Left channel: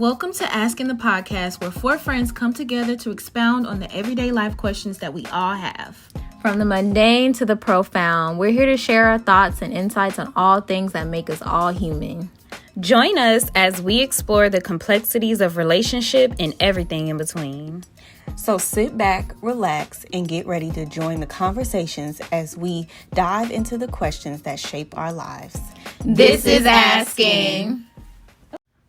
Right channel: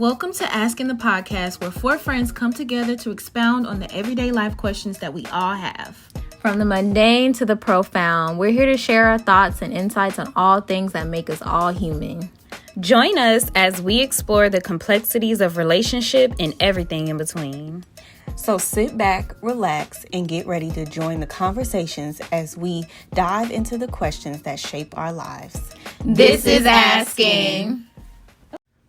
Welcome to ASKN the podcast, where four friends come together to expound on the everyday life questions that we all have. From the mundane to the profound, we're here to share our thoughts and insights on all things that make us all human. Join us as we explore the complexities of relationship and everything in between. So sit back, relax, and get ready to join the conversations as we dive into the questions that shape our lives. This is ASKN.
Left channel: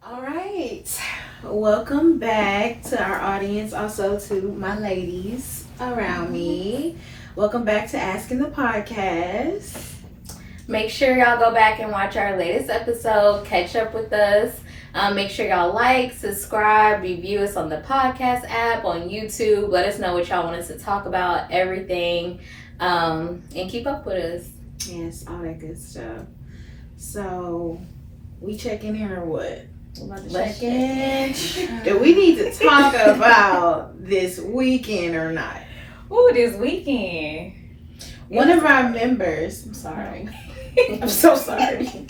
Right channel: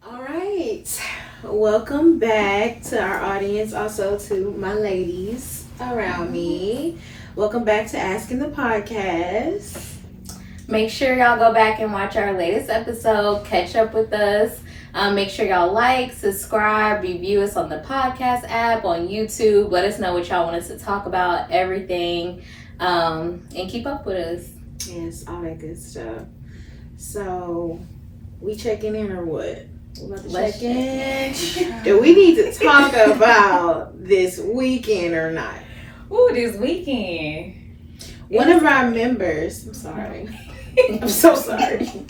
All right. Welcome back to our audience, also to my ladies around me. Welcome back to ASKN the podcast. Make sure y'all go back and watch our latest episode. Catch up with us. Make sure y'all like, subscribe, review us on the podcast app, on YouTube. Let us know what y'all want us to talk about, everything, and keep up with us. Yes, all that good stuff. So, we checking in or what? We're about to check in. Do we need to talk about this weekend or not? Ooh, this weekend. One of our members, I'm sorry. I'm so sorry.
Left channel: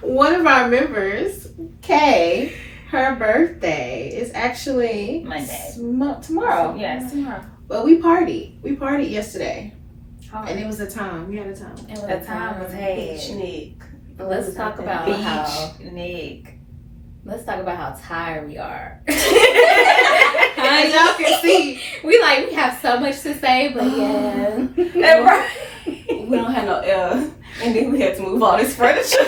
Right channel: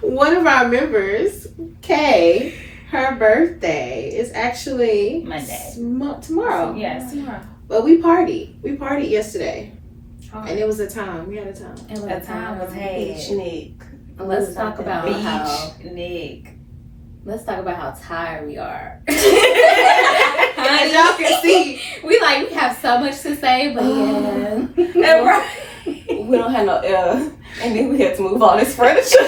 One of our members, Kay, her birthday is actually Monday. Tomorrow. Yes, tomorrow. But we partied. We partied yesterday. And it was a time. We had a time. It was a time was had. Beach Nick. Let's talk about how Nick. Let's talk about how tired we are. As y'all can see, we have so much to say, but yeah. We don't have no air, and then we had to move all this furniture.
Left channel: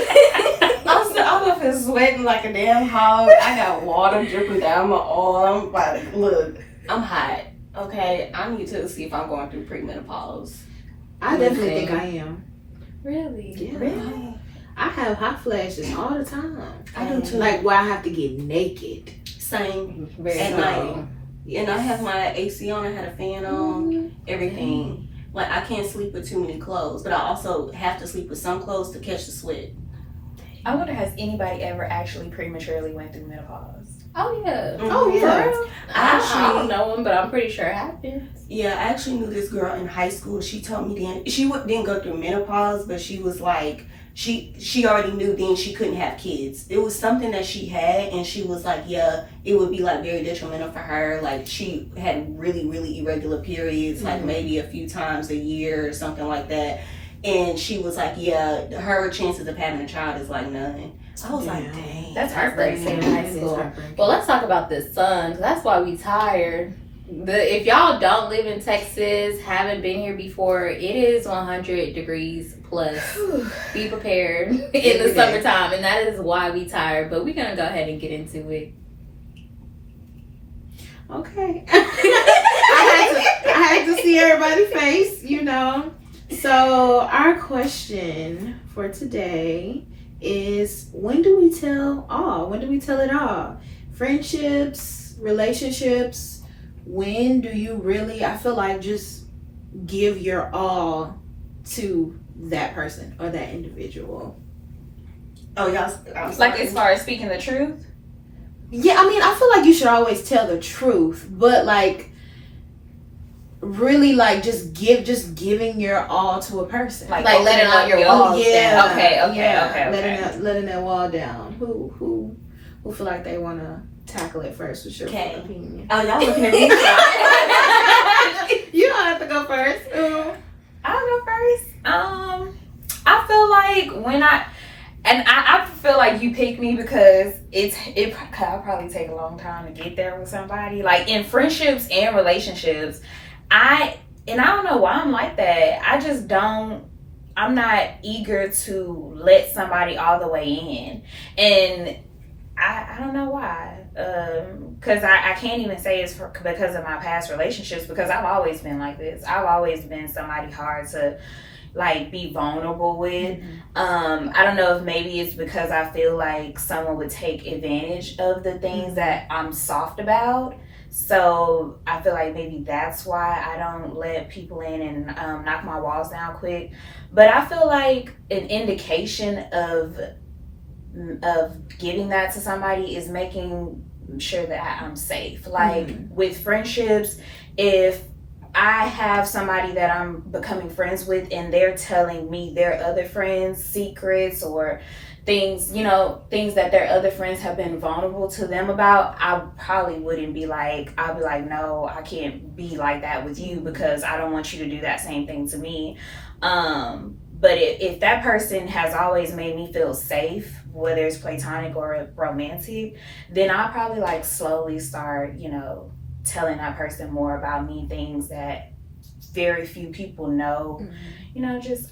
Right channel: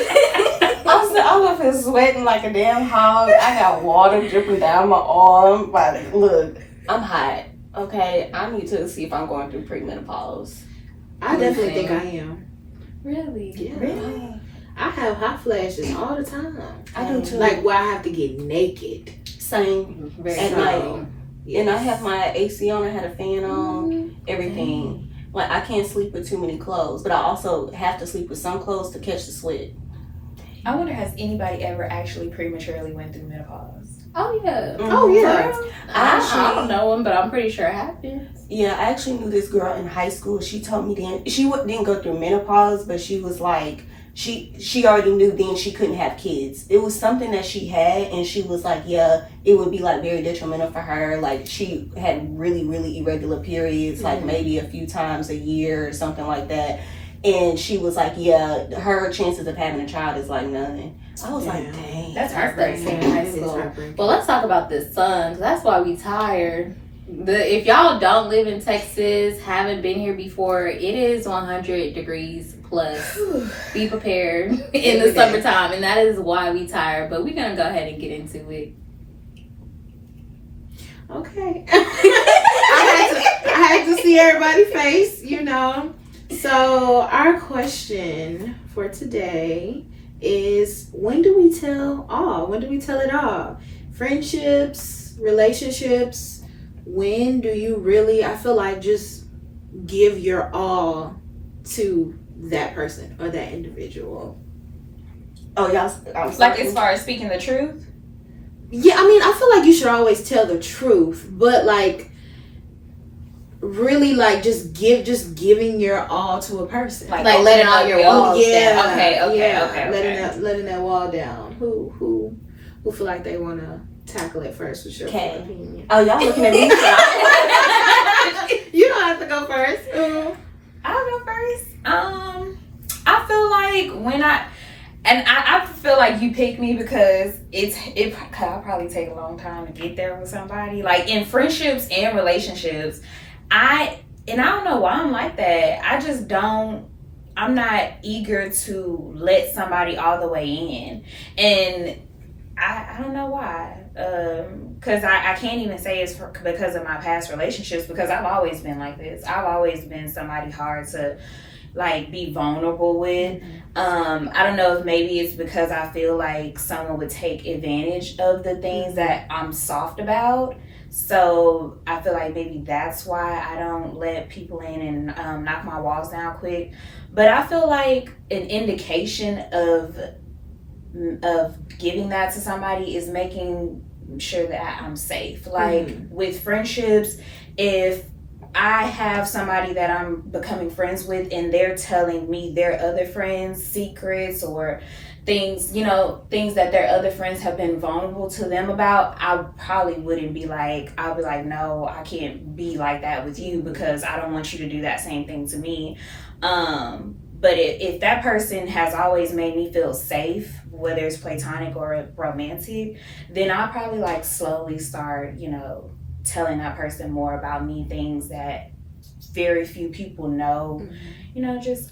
I'm up here sweating like a damn hog. I got water dripping down my arm. Like, look, I'm hot. Okay, I need to see if I'm going through premenopause. I definitely think I am. Really? Yeah. Really? I have hot flashes all the time. I do too. Like where I have to get naked. Same. Very At so. night. Yes. And I have my AC on. I had a fan on. Everything. Like, I can't sleep with too many clothes, but I also have to sleep with some clothes to catch the sweat. I wonder, has anybody ever actually prematurely went through menopause? Oh yeah. Mm-hmm. Oh yeah. I don't know him, but I'm pretty sure it happens. Yeah, I actually knew this girl in high school. She told me then she didn't go through menopause, but she was like she already knew then she couldn't have kids. It was something that she had, and she was like, yeah, it would be like very detrimental for her. Like, she had really, really irregular periods, like maybe a few times a year or something like that. And she was like, yeah, her chances of having a child is like none. I was like, dang. That's heartbreaking. heartbreaking. In high school. Well, let's talk about the sun, because that's why we tired. If y'all don't live in Texas, haven't been here before, it is 100 degrees plus. Be prepared in the summertime, and that is why we tired. But we're gonna go ahead and get into it. Okay. I had to see everybody's face, you know. So our question for today is, when do we tell all? When do we tell it all? Friendships, relationships. When do you really, I feel like, just give your all to that person or that individual? Oh, y'all. Like, as far as speaking the truth? Yeah, I mean, I feel like you should always tell the truth, but like, really, like, just giving your all to a person, like letting all your walls down. Okay. letting that wall down. Who feel like they want to tackle it first? What's your opinion? Oh, y'all looking at me? You don't have to go first. I'll go first. I feel like I feel like you picked me because I'll probably take a long time to get there with somebody. Like, in friendships and relationships, I don't know why I'm like that. I'm not eager to let somebody all the way in. And I don't know why. Because I can't even say it's because of my past relationships, because I've always been like this. I've always been somebody hard to like be vulnerable with. I don't know if maybe it's because I feel like someone would take advantage of the things that I'm soft about. So I feel like maybe that's why I don't let people in and knock my walls down quick. But I feel like an indication of giving that to somebody is making sure that I'm safe. Like with friendships, if I have somebody that I'm becoming friends with and they're telling me their other friends' secrets or things that their other friends have been vulnerable to them about, I probably wouldn't be like, I'll be like, no, I can't be like that with you because I don't want you to do that same thing to me. But if that person has always made me feel safe, whether it's platonic or romantic, then I'll probably like slowly start, telling that person more about me, things that very few people know.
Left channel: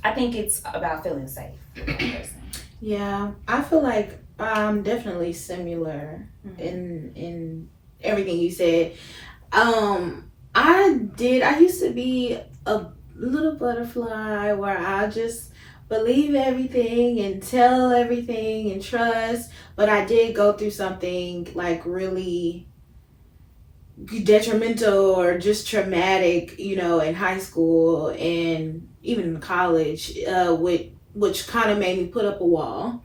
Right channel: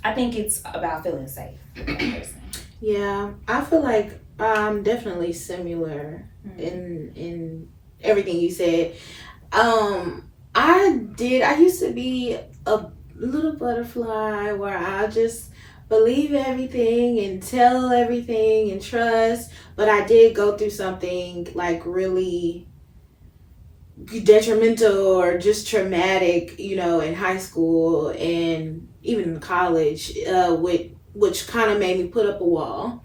I think it's about feeling safe with that person. Yeah, I feel like I'm definitely similar in everything you said. I used to be a little butterfly where I just believe everything and tell everything and trust, but I did go through something like really detrimental or just traumatic, in high school and even in college, which kind of made me put up a wall.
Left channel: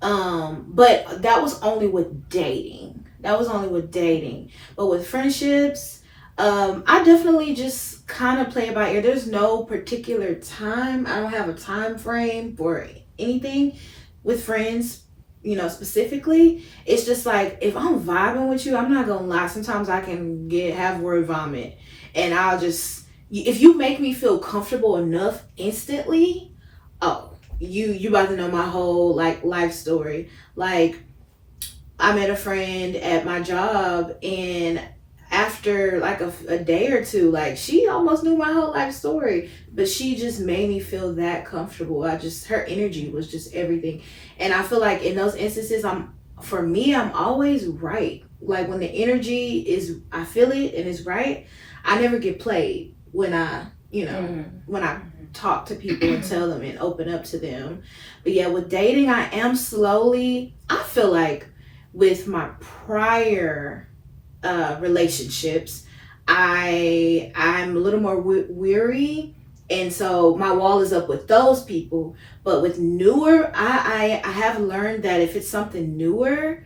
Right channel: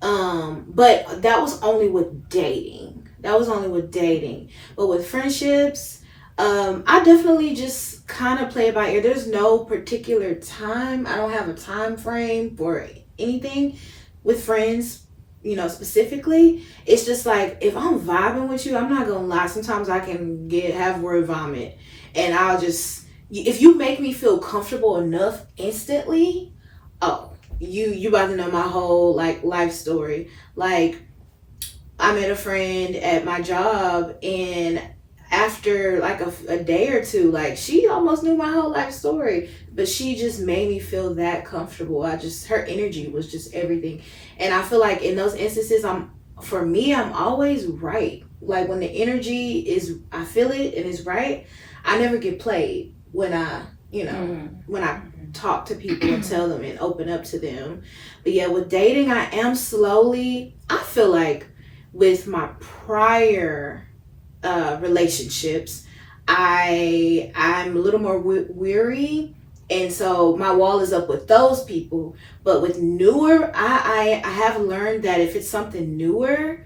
But that was only with dating. But with friendships, I definitely just kind of play it by ear. There's no particular time. I don't have a time frame for anything with friends, specifically. It's just like, if I'm vibing with you, I'm not gonna lie. Sometimes I can have word vomit, and if you make me feel comfortable enough instantly, you about to know my whole like life story. Like, I met a friend at my job, and after like a day or two, like, she almost knew my whole life story, but she just made me feel that comfortable. Her energy was just everything. And I feel like in those instances, I'm always right. Like, when the energy I feel it and it's right, I never get played when I talk to people and tell them and open up to them. But yeah, with dating, I feel like with my prior relationships, I'm a little more weary, and so my wall is up with those people. But with newer, I have learned that if it's something newer,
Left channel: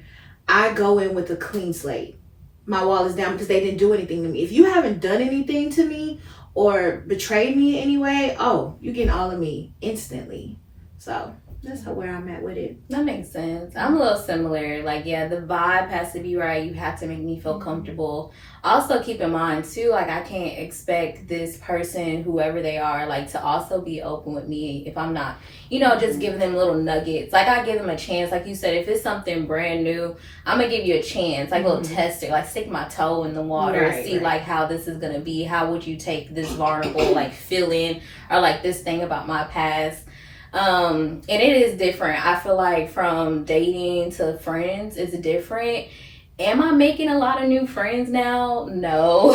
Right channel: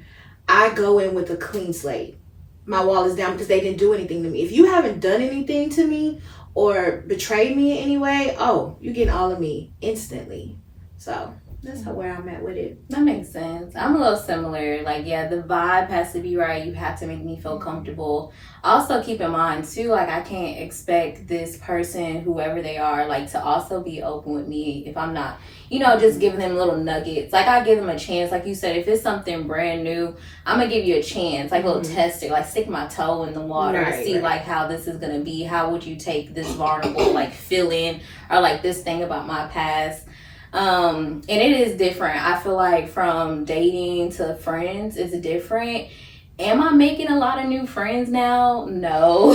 I go in with a clean slate. My wall is down because they didn't do anything to me. If you haven't done anything to me or betrayed me in any way, you're getting all of me instantly. So that's where I'm at with it. That makes sense. I'm a little similar. Like, yeah, the vibe has to be right. You have to make me feel comfortable. Also, keep in mind too, like, I can't expect this person, whoever they are, like, to also be open with me if I'm not, just giving them little nuggets. Like, I give them a chance. Like you said, if it's something brand new, I'm gonna give you a chance, like a little test it, like stick my toe in the water, see like how this is gonna be. How would you take this vulnerable like feeling or like this thing about my past? And it is different. I feel like from dating to friends is different. Am I making a lot of new friends now? No.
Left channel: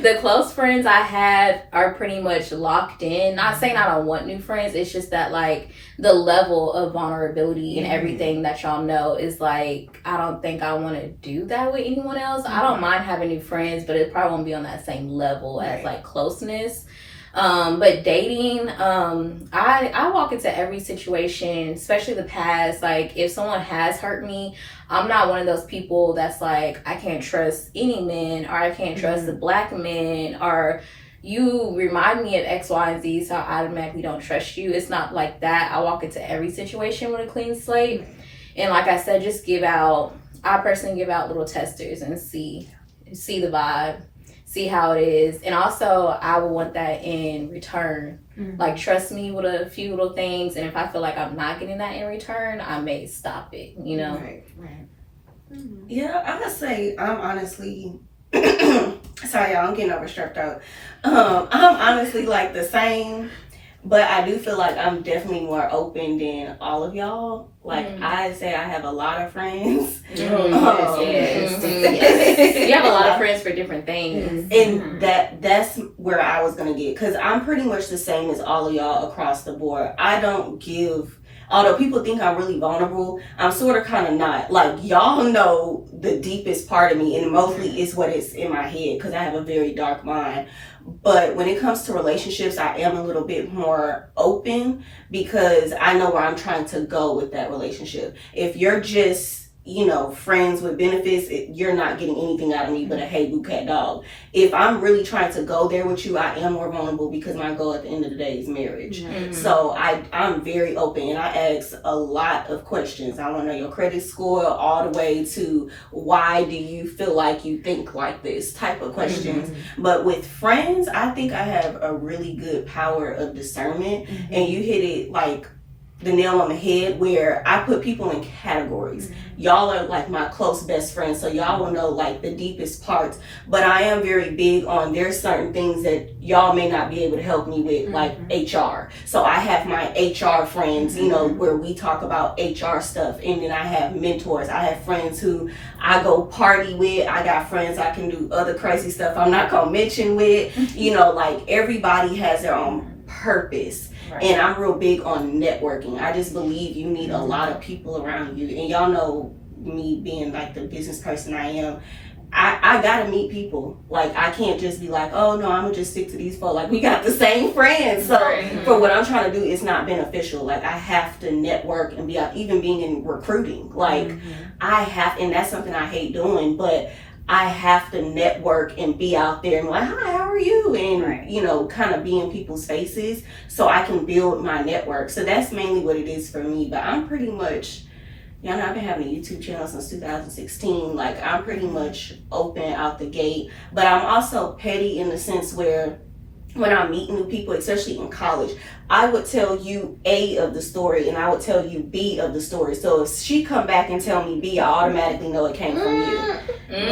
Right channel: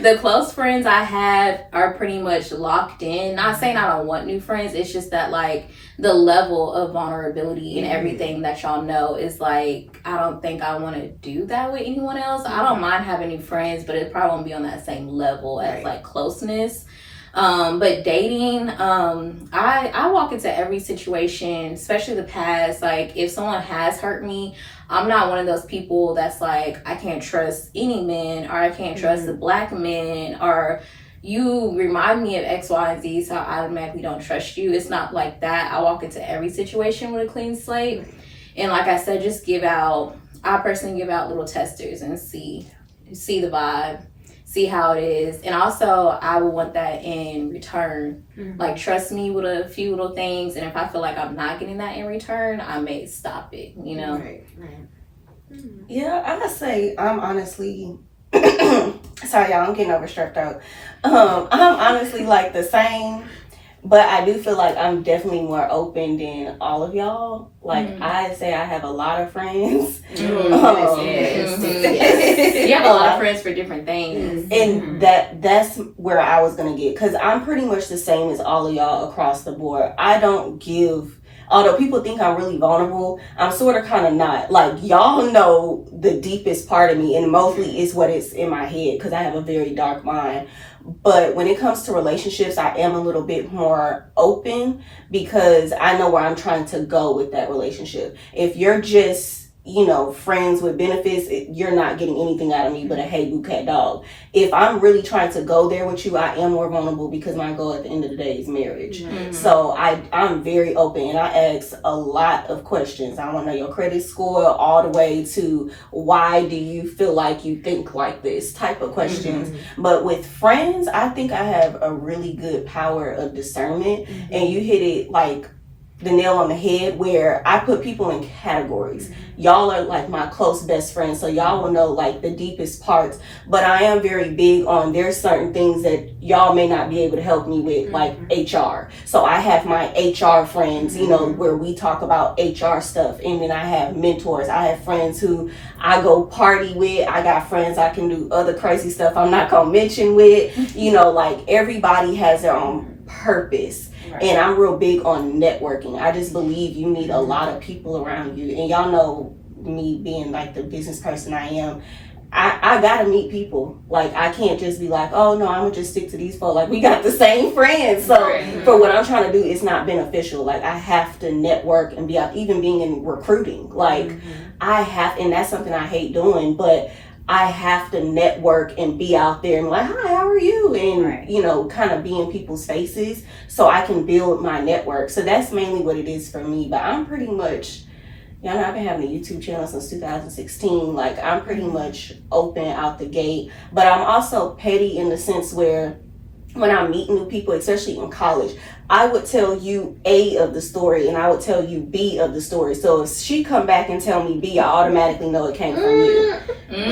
The close friends I have are pretty much locked in. Not saying I don't want new friends. It's just that like the level of vulnerability and everything that y'all know is like, I don't think I want to do that with anyone else. I don't mind having new friends, but it probably won't be on that same level as like closeness. But dating, I walk into every situation, especially the past. Like, if someone has hurt me, I'm not one of those people that's like, I can't trust any man, or I can't trust a black man, or you remind me of X, Y, and Z, so I automatically don't trust you. It's not like that. I walk into every situation with a clean slate. And like I said, I personally give out little testers and see the vibe, see how it is. And also, I would want that in return. Like, trust me with a few little things, and if I feel like I'm not getting that in return, I may stop it, Right. Yeah, I'm gonna say I'm honestly sorry y'all, I'm getting overstressed out. I'm honestly like the same, but I do feel like I'm definitely more open than all of y'all. Like, I say I have a lot of friends. Yes. You have a lot of friends for different things. And that's where I was going to get. Because I'm pretty much the same as all of y'all across the board. I don't give... Although people think I'm really vulnerable, I'm sort of kind of not. Like, y'all know the deepest part of me, and mostly it's what is in my head, because I have a very dark mind. But when it comes to relationships, I am a little bit more open, because I know where I'm trying to go with that relationship. If you're just friends with benefits, you're not getting anything out of me but a hey boo cat dog. If I'm really trying to go there with you, I am more vulnerable because my goal at the end of the day is marriage. Mm-hmm. So I'm very open and I ask a lot of questions. I want to know your credit score all the way to why do you feel like you think like this type of questions. Mm-hmm. But with friends, I think I have a really good power of discernment, and you hit it like the nail on the head where I put people in categories. Y'all are like my close best friends, so y'all will know like the deepest parts, but I am very big on there's certain things that y'all may not be able to help me with, like HR. So I have my HR friends, where we talk about HR stuff, and then I have mentors. I have friends who I go party with. I got friends I can do other crazy stuff I'm not gonna mention with. Like everybody has their own purpose. Right. And I'm real big on networking. I just believe you need a lot of people around you. And y'all know me being like the business person I am. I gotta meet people. Like I can't just be like, oh no, I'm gonna just stick to these folks. Like we got the same friends. So for what I'm trying to do, it's not beneficial. Like I have to network and be out, even being in recruiting. Like I have, and that's something I hate doing, but I have to network and be out there and like, hi, how are you? And, kind of be in people's faces so I can build my network. So that's mainly what it is for me. But I'm pretty much, I've been having a YouTube channel since 2016. Like, I'm pretty much open out the gate. But I'm also petty in the sense where when I meet new people, especially in college, I would tell you A of the story and I would tell you B of the story. So if she come back and tell me B, I automatically know it came from you.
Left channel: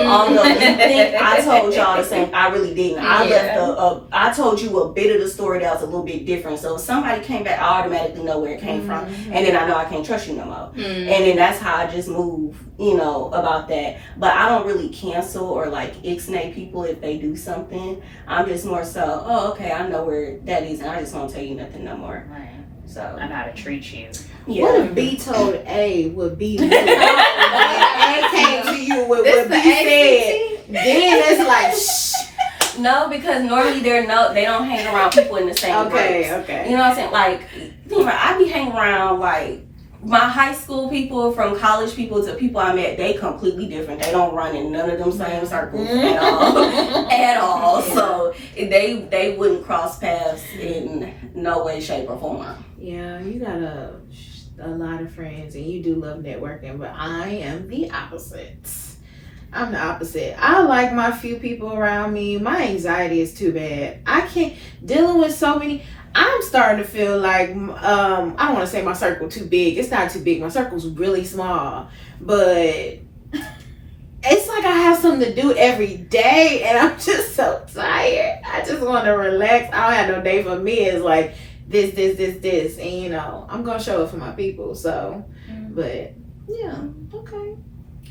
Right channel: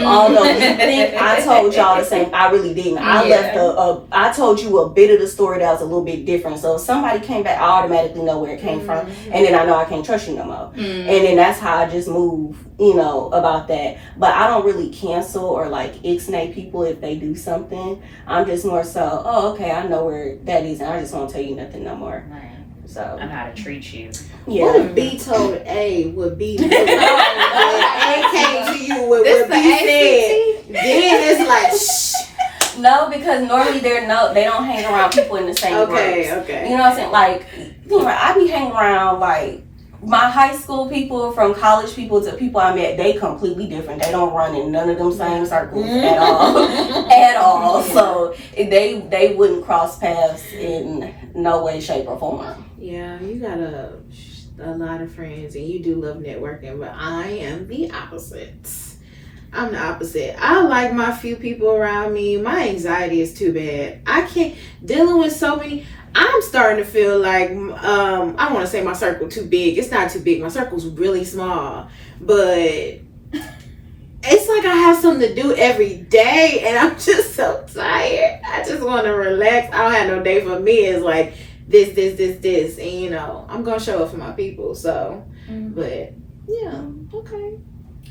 Although you think I told y'all the same, I really didn't. I told you a bit of the story that was a little bit different. So if somebody came back, I automatically know where it came from. And then I know I can't trust you no more. And then that's how I just move, about that. But I don't really cancel or like ixnay people if they do something. I'm just more so, oh, okay, I know where that is and I just won't tell you nothing no more. Right. So I know how to treat you. Yeah. What if B told A what B knew? And A came to you with what B said. Then it's like, shh. No, because normally they don't hang around people in the same groups. Okay. You know what I'm saying? Like, I be hanging around like my high school people, from college people to people I met, they completely different. They don't run in none of them same circles at all. At all. So they wouldn't cross paths in no way, shape, or form. Yeah, you got a lot of friends and you do love networking, but I am the opposite. I'm the opposite. I like my few people around me. My anxiety is too bad. I can't dealing with so many. I'm starting to feel like, I don't want to say my circle too big. It's not too big. My circle's really small. But it's like I have something to do every day and I'm just so tired. I just want to relax. I don't have no day for me. It's like this. And, I'm going to show up for my people. So, but yeah, okay.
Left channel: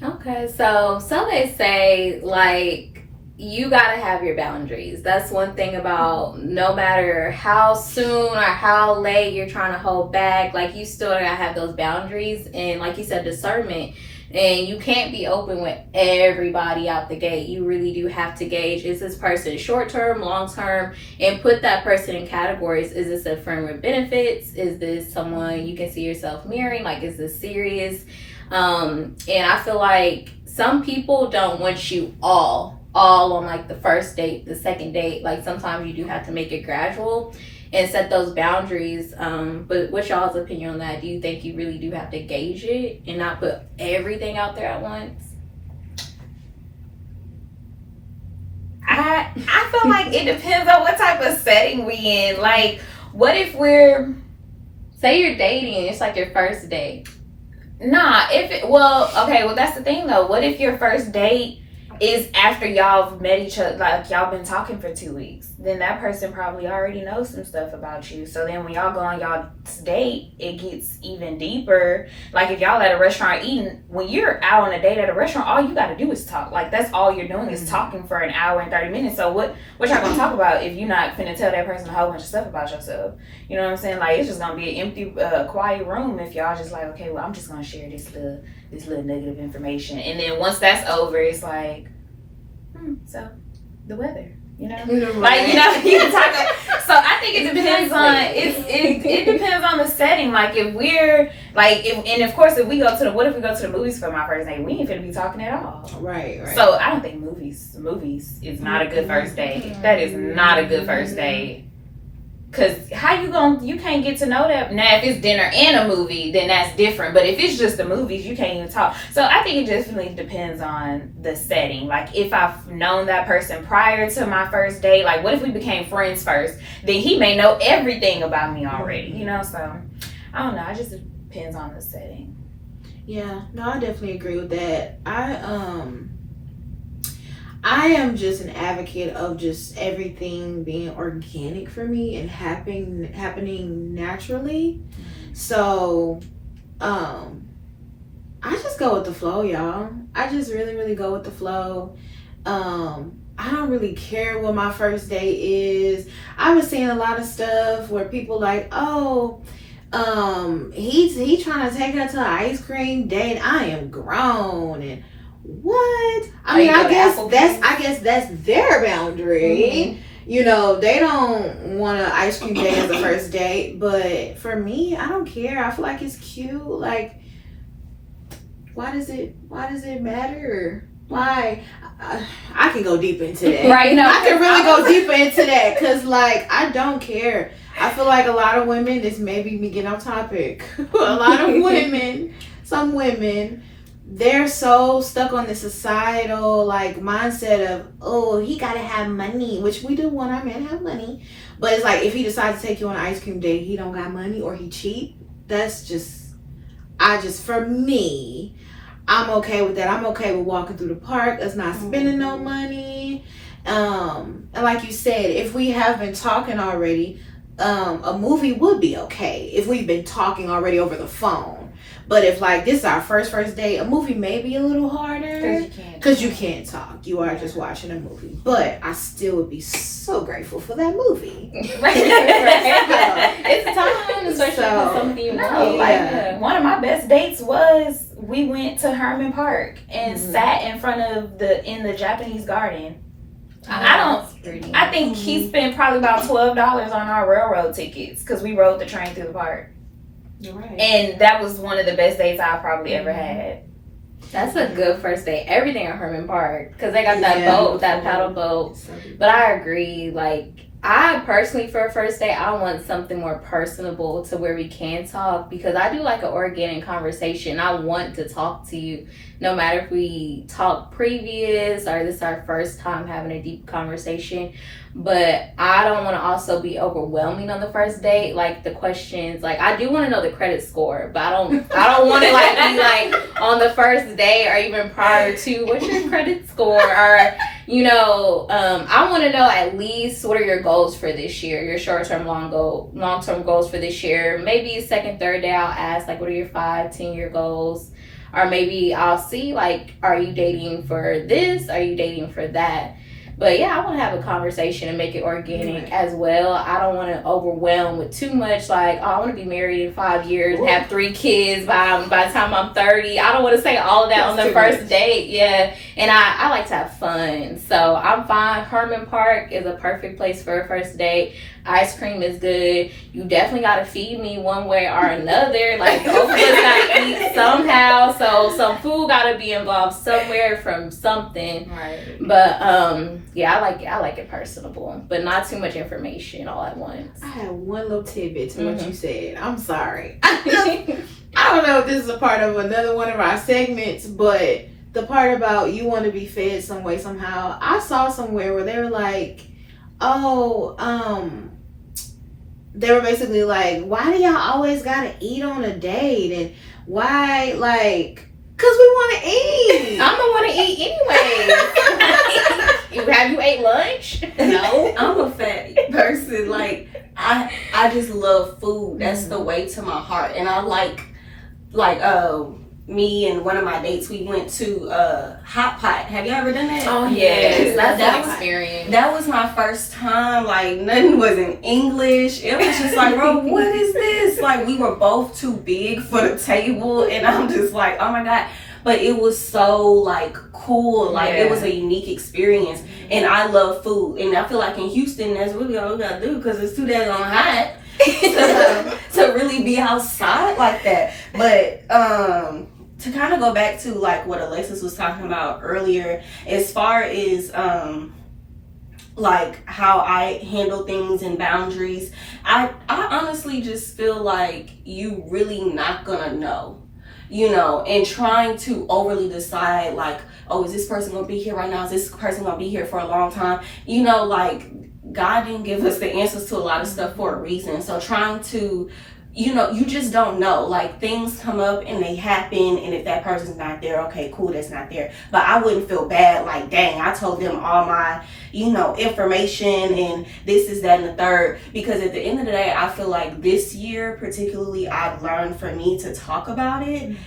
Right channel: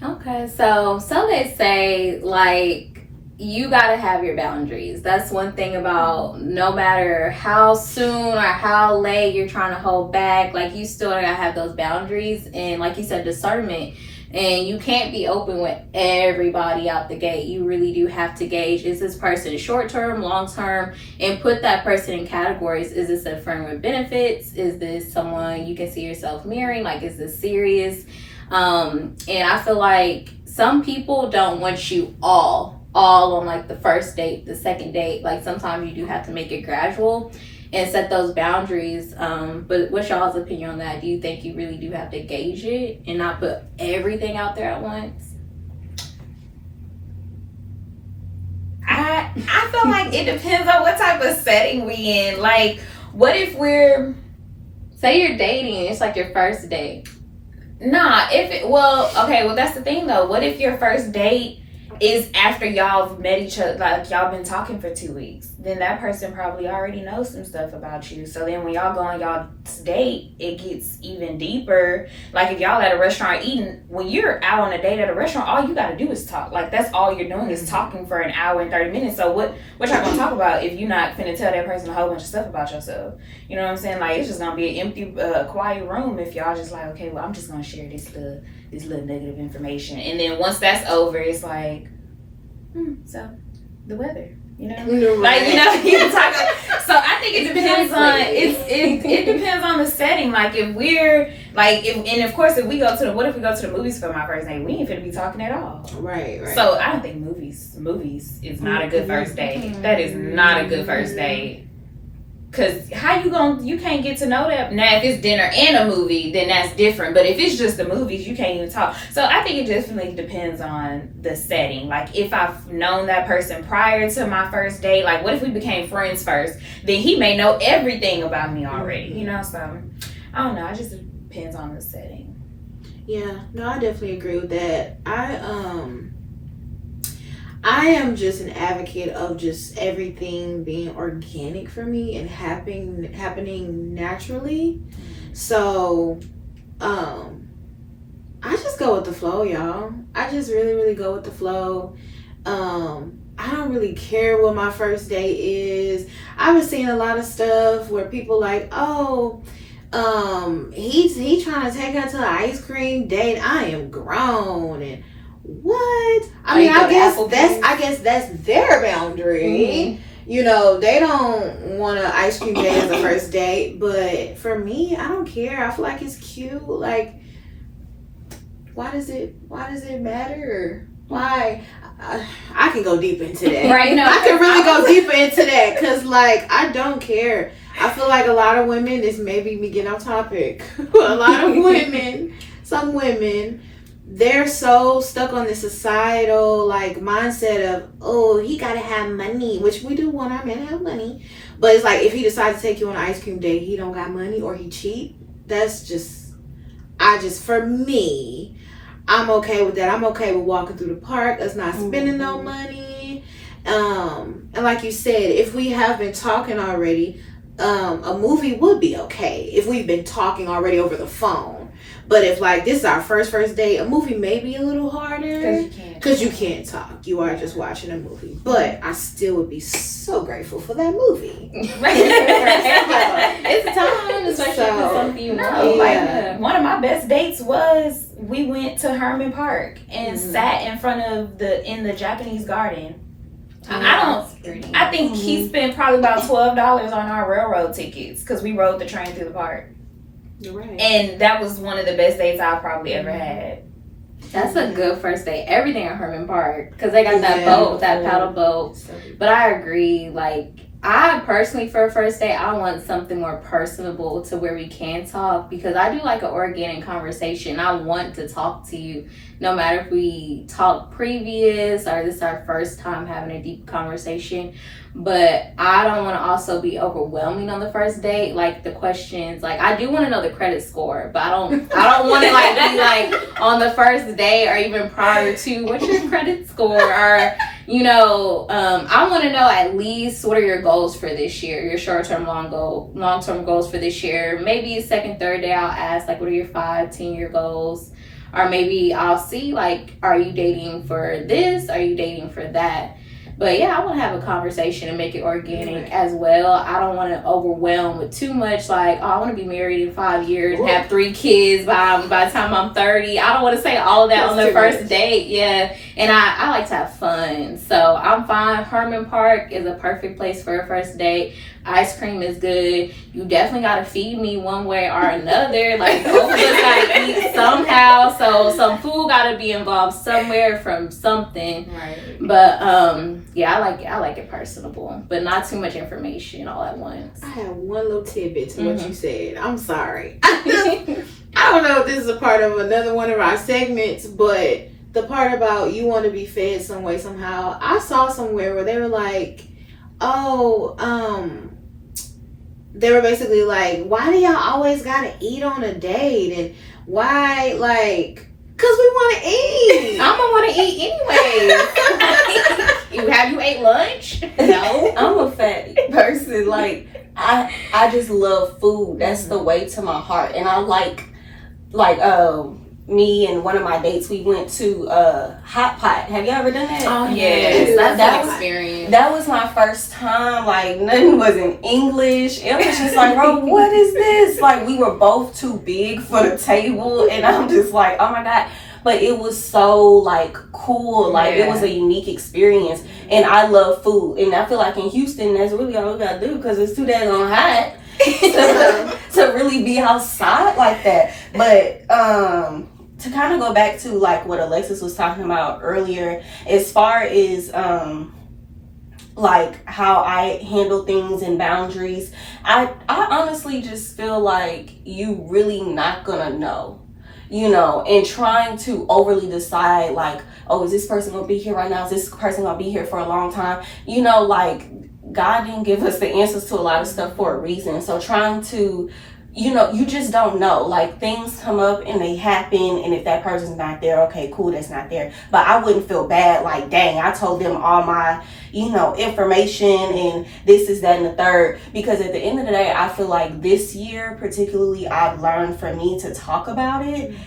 Okay, so they say, like, you gotta have your boundaries. That's one thing about no matter how soon or how late you're trying to hold back, like, you still gotta have those boundaries and, like you said, discernment. And you can't be open with everybody out the gate. You really do have to gauge, is this person short term, long term, and put that person in categories. Is this a friend with benefits? Is this someone you can see yourself marrying? Like, is this serious? And I feel like some people don't want you all on like the first date, the second date. Like sometimes you do have to make it gradual and set those boundaries. But what's y'all's opinion on that? Do you think you really do have to gauge it and not put everything out there at once? I feel like it depends on what type of setting we in. Like, what if say you're dating, it's like your first date. Nah, that's the thing though. What if your first date is after y'all have met each other, like y'all been talking for 2 weeks? Then that person probably already knows some stuff about you. So then when y'all go on y'all's date, it gets even deeper. Like if y'all at a restaurant eating, when you're out on a date at a restaurant, all you gotta do is talk. Like that's all you're doing is talking for an hour and 30 minutes. So what y'all gonna talk about if you're not finna tell that person a whole bunch of stuff about yourself? You know what I'm saying? Like it's just gonna be an empty, quiet room if y'all just like, okay, well I'm just gonna share this little negative information. And then once that's over, it's like, so the weather, Right. like, you can talk. So I think it depends on it depends on the setting. Like if we're and of course if we go to the movies for my first date, we ain't finna be talking at all. Right. So I don't think movies is not a good first date. That is not a good first date. Cause how you can't get to know that. Now if it's dinner and a movie, then that's different. But if it's just the movies, you can't even talk. So I think it definitely depends on the setting. Like if I've known that person prior to my first date, like what if we became friends first? Then he may know everything about me already, you know? So I don't know, it just depends on the setting. Yeah, no, I definitely agree with that. I am just an advocate of just everything being organic for me and happening naturally. So, I just go with the flow, y'all. I just really, really go with the flow. I don't really care what my first date is. I was seeing a lot of stuff where people like, oh, he trying to take her to an ice cream date. I am grown and what? I mean, I guess that's their boundary. You know, they don't want an ice cream date as a first date, but for me, I don't care. I feel like it's cute. Like, why does it matter? Why? I can go deep into that. Right? No, I can really go deeper into that because, like, I don't care. I feel like a lot of women. This may be me getting off topic. A lot of women, some women, they're so stuck on the societal like mindset of, oh, he gotta have money, which we do want our men to have money, but it's like if he decides to take you on an ice cream date, he don't got money or he cheap. That's just, for me, I'm okay with that. I'm okay with walking through the park, us not spending no money. And like you said, if we have been talking already, a movie would be okay if we've been talking already over the phone. But if like this is our first date, a movie may be a little harder because you can't talk. You are just watching a movie. But I still would be so grateful for that movie. It's a time, especially with something you know. Like one of my best dates was we went to Herman Park and sat in front of in the Japanese garden. I think he spent probably about $12 on our railroad tickets because we rode the train through the park. You're right. And that was one of the best dates I've probably ever had. That's a good first date. Everything at Herman Park because they got that boat, that paddle boat. But I agree. Like I personally, for a first date, I want something more personable to where we can talk because I do like an organic conversation. I want to talk to you, no matter if we talk previous or this is our first time having a deep conversation. But I don't want to also be overwhelming on the first date. Like the questions, like I do want to know the credit score, but I don't want to like be like on the first day or even prior to what's your credit score or you know, I want to know at least what are your goals for this year, your short-term, long-term goals for this year. Maybe second, third day I'll ask like what are your 5-10 year goals, or maybe I'll see like are you dating for this, are you dating for that. But yeah, I want to have a conversation and make it organic as well. I don't want to overwhelm with too much like, oh, I want to be married in 5 years and have 3 kids by the time I'm 30. I don't want to say all of that on the first date. Yeah. And I like to have fun. So I'm fine. Herman Park is a perfect place for a first date. Ice cream is good. You definitely got to feed me one way or another. Like, both of us got to eat somehow. So some food got to be involved somewhere from something. Right. But, yeah, I like it personable, but not too much information all at once. I have one little tidbit to what you said. I'm sorry. I don't know if this is a part of another one of our segments, but the part about you want to be fed some way, somehow. I saw somewhere where they were like, they were basically like, why do y'all always gotta eat on a date? And why, like, because we want to eat. I'm going to want to eat anyway. Have you ate lunch? No. I'm a fat person. Like, I just love food. That's the way to my heart. And I like me and one of my dates, we went to Hot Pot. Have you ever done that? Oh, yes. That's an experience. That was my first time. Like, nothing was in English. It was just like, bro, what is this? Like, we were both too big for the table. And I'm just like, oh my God. but it was so like cool. Like it was a unique experience, and I love food, and I feel like in Houston that's really all we gotta do because it's too damn hot to really be outside like that. But to kind of go back to like what Alexis was talking about earlier, as far as like how I handle things and boundaries, I honestly just feel like you really not gonna know, you know, and trying to overly decide like, oh, is this person gonna be here right now? Is this person gonna be here for a long time? You know, like God didn't give us the answers to a lot of stuff for a reason. So trying to, you know, you just don't know. Like things come up and they happen, and if that person's not there, okay, cool, that's not there. But I wouldn't feel bad like, dang, I told them all my, you know, information and this is that and the third. Because at the end of the day, I feel like this year particularly, I've learned for me to talk about it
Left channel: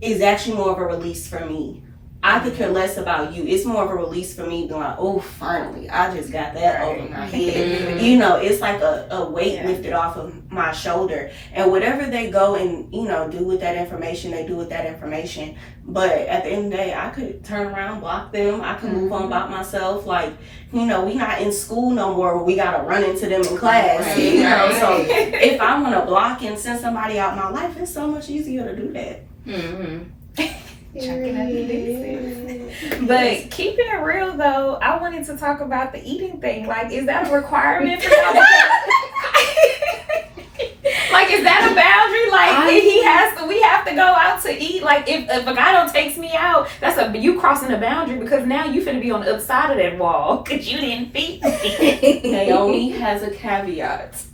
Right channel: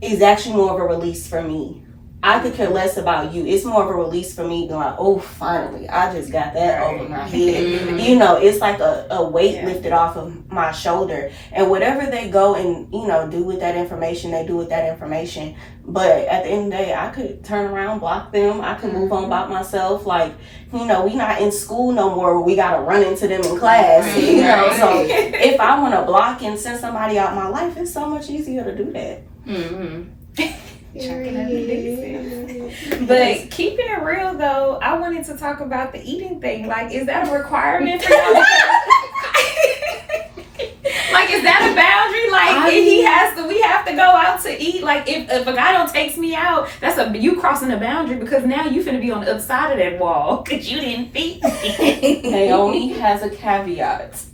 is actually more of a release for me. I could care less about you. It's more of a release for me, being like, oh, finally, I just got that over my head. You know, it's like a weight lifted off of my shoulder. And whatever they go and, you know, do with that information, they do with that information. But at the end of the day, I could turn around, block them. I could move on about myself. Like, you know, we not in school no more where we got to run into them in class. You know, so if I want to block and send somebody out my life, it's so much easier to do that. But keeping it real though, I wanted to talk about the eating thing. Like, is that a requirement for y'all? Like, is that a boundary? Like, if he has to, we have to go out to eat. Like, if a guy don't takes me out, you crossing a boundary because now you finna be on the other side of that wall because you didn't feed me. Naomi has a caveat.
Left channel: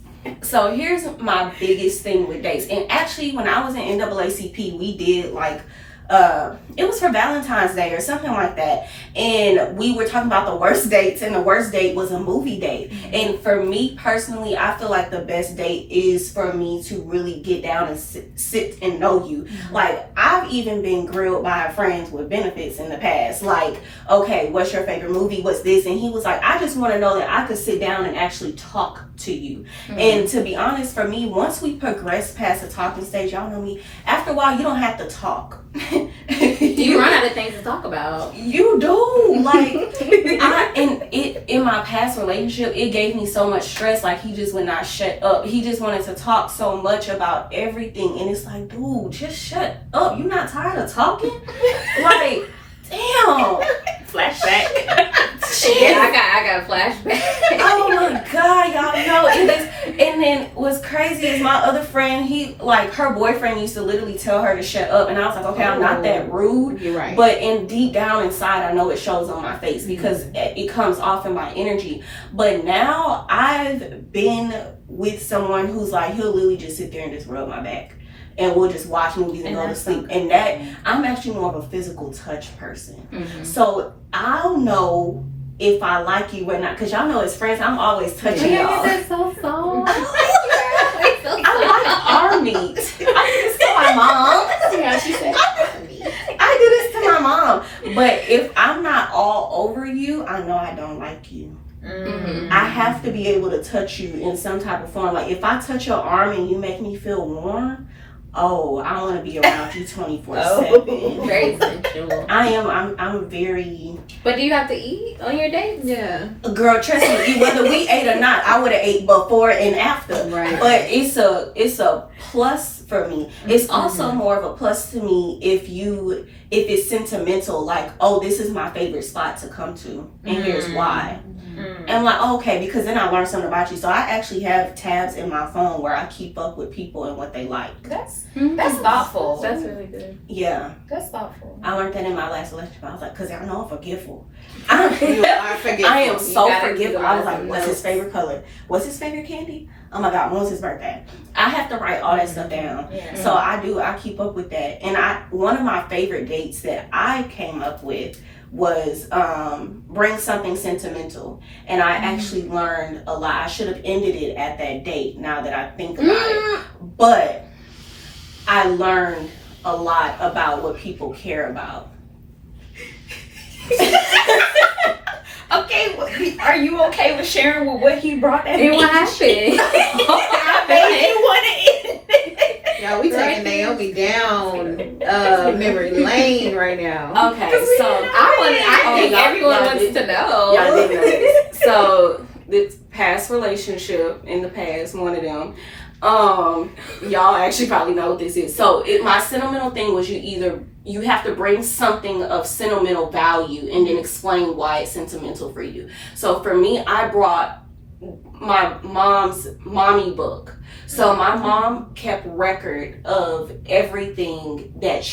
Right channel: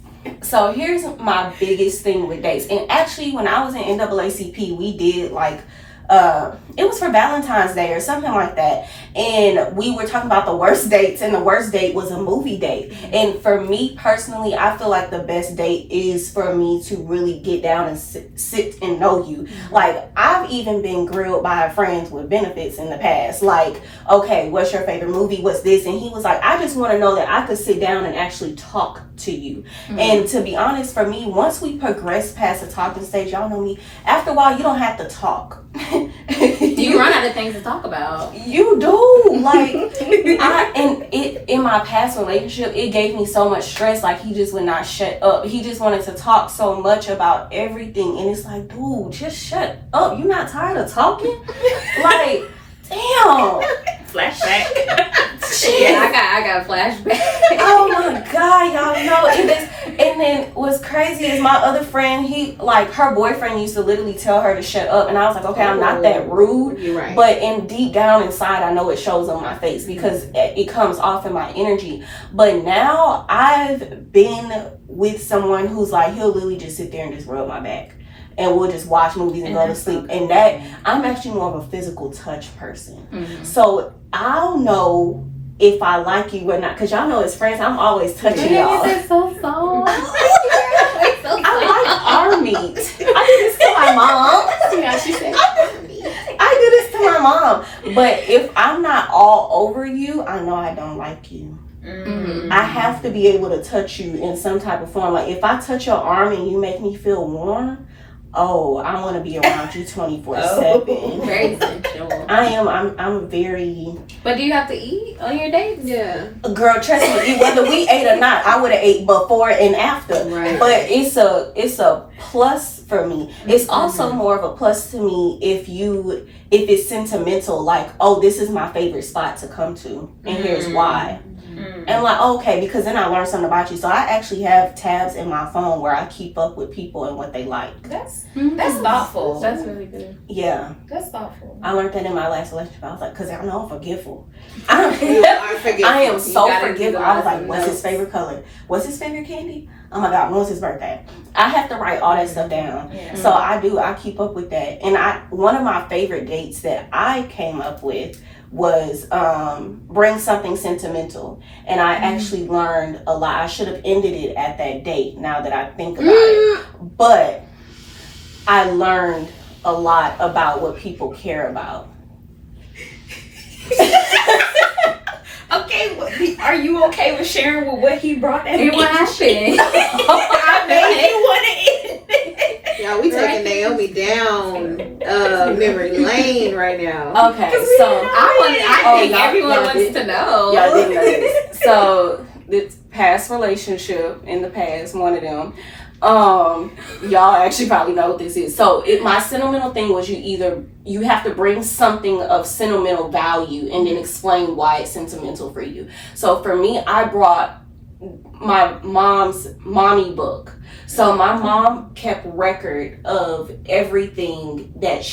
So here's my biggest thing with dates. And actually, when I was in NAACP, we did like, it was for Valentine's Day or something like that, and we were talking about the worst dates, and the worst date was a movie date. And for me personally, I feel like the best date is for me to really get down and sit and know you. Like, I've even been grilled by friends with benefits in the past, like, okay, what's your favorite movie, what's this, and he was like, I just want to know that I could sit down and actually talk to you. And to be honest, for me, once we progress past the talking stage, y'all know me, after a while you don't have to talk. You run out of things to talk about. You do. Like, in my past relationship, it gave me so much stress. Like, he just would not shut up. He just wanted to talk so much about everything, and it's like, dude, just shut up. You not tired of talking? Like, damn. Flashback. Yeah, I got flashback. Oh my God, y'all know. And then what's crazy is my other friend, he, like, her boyfriend used to literally tell her to shut up, and I was like, okay, I'm not that rude. You're right. But deep down inside, I know it shows on my face because it comes off in my energy. But now I've been with someone who's like, he'll literally just sit there and just rub my back. And we'll just watch movies and go to sleep. And that, I'm actually more of a physical touch person. So I'll know if I like you or not. Because y'all know as friends, I'm always touching y'all. This is so soft. I like arm meat. I do this to my mom. Yeah, she said arm meat. I do this to my mom. But if I'm not all over you, I know I don't like you. I have to be able to touch you in some type of form. Like, if I touch your arm and you make me feel warm, oh, I want to be around you 24/7. Very sensual. I'm very. But do you have to eat on your dates? Yeah. Girl, trust me, whether we ate or not, I would have ate before and after. Right. But it's a plus for me. It's also more of a plus to me if it's sentimental, like, oh, this is my favorite spot to come to, and here's why. And like, okay, because then I learned something about you. So I actually have tabs in my phone where I keep up with people and what they like. That's thoughtful. That's really good. Yeah. That's thoughtful. I learned that in my last relationship. I was like, because I know I'm forgetful. You are forgetful. I am so gotta forgetful. I was like, utilize what's his favorite color? What's his favorite candy? Oh my God, when was his birthday? I have to write all that stuff down. So I keep up with that. And one of my favorite dates that I came up with was bring something sentimental, and I actually learned a lot. I should have ended it at that date now that I think about it, but I learned a lot about what people care about. Okay, are you okay with sharing what he brought that And what happened? I made you want to eat. Y'all, we taking Naomi down memory lane right now. Okay, so I think everyone wants to know. Y'all didn't know this. So the past relationship in the past, one of them. Y'all actually probably know what this is. So my sentimental thing was you have to bring something of sentimental value and then explain why it's sentimental for you. So for me, I brought my mom's mommy book. So my mom kept record of everything that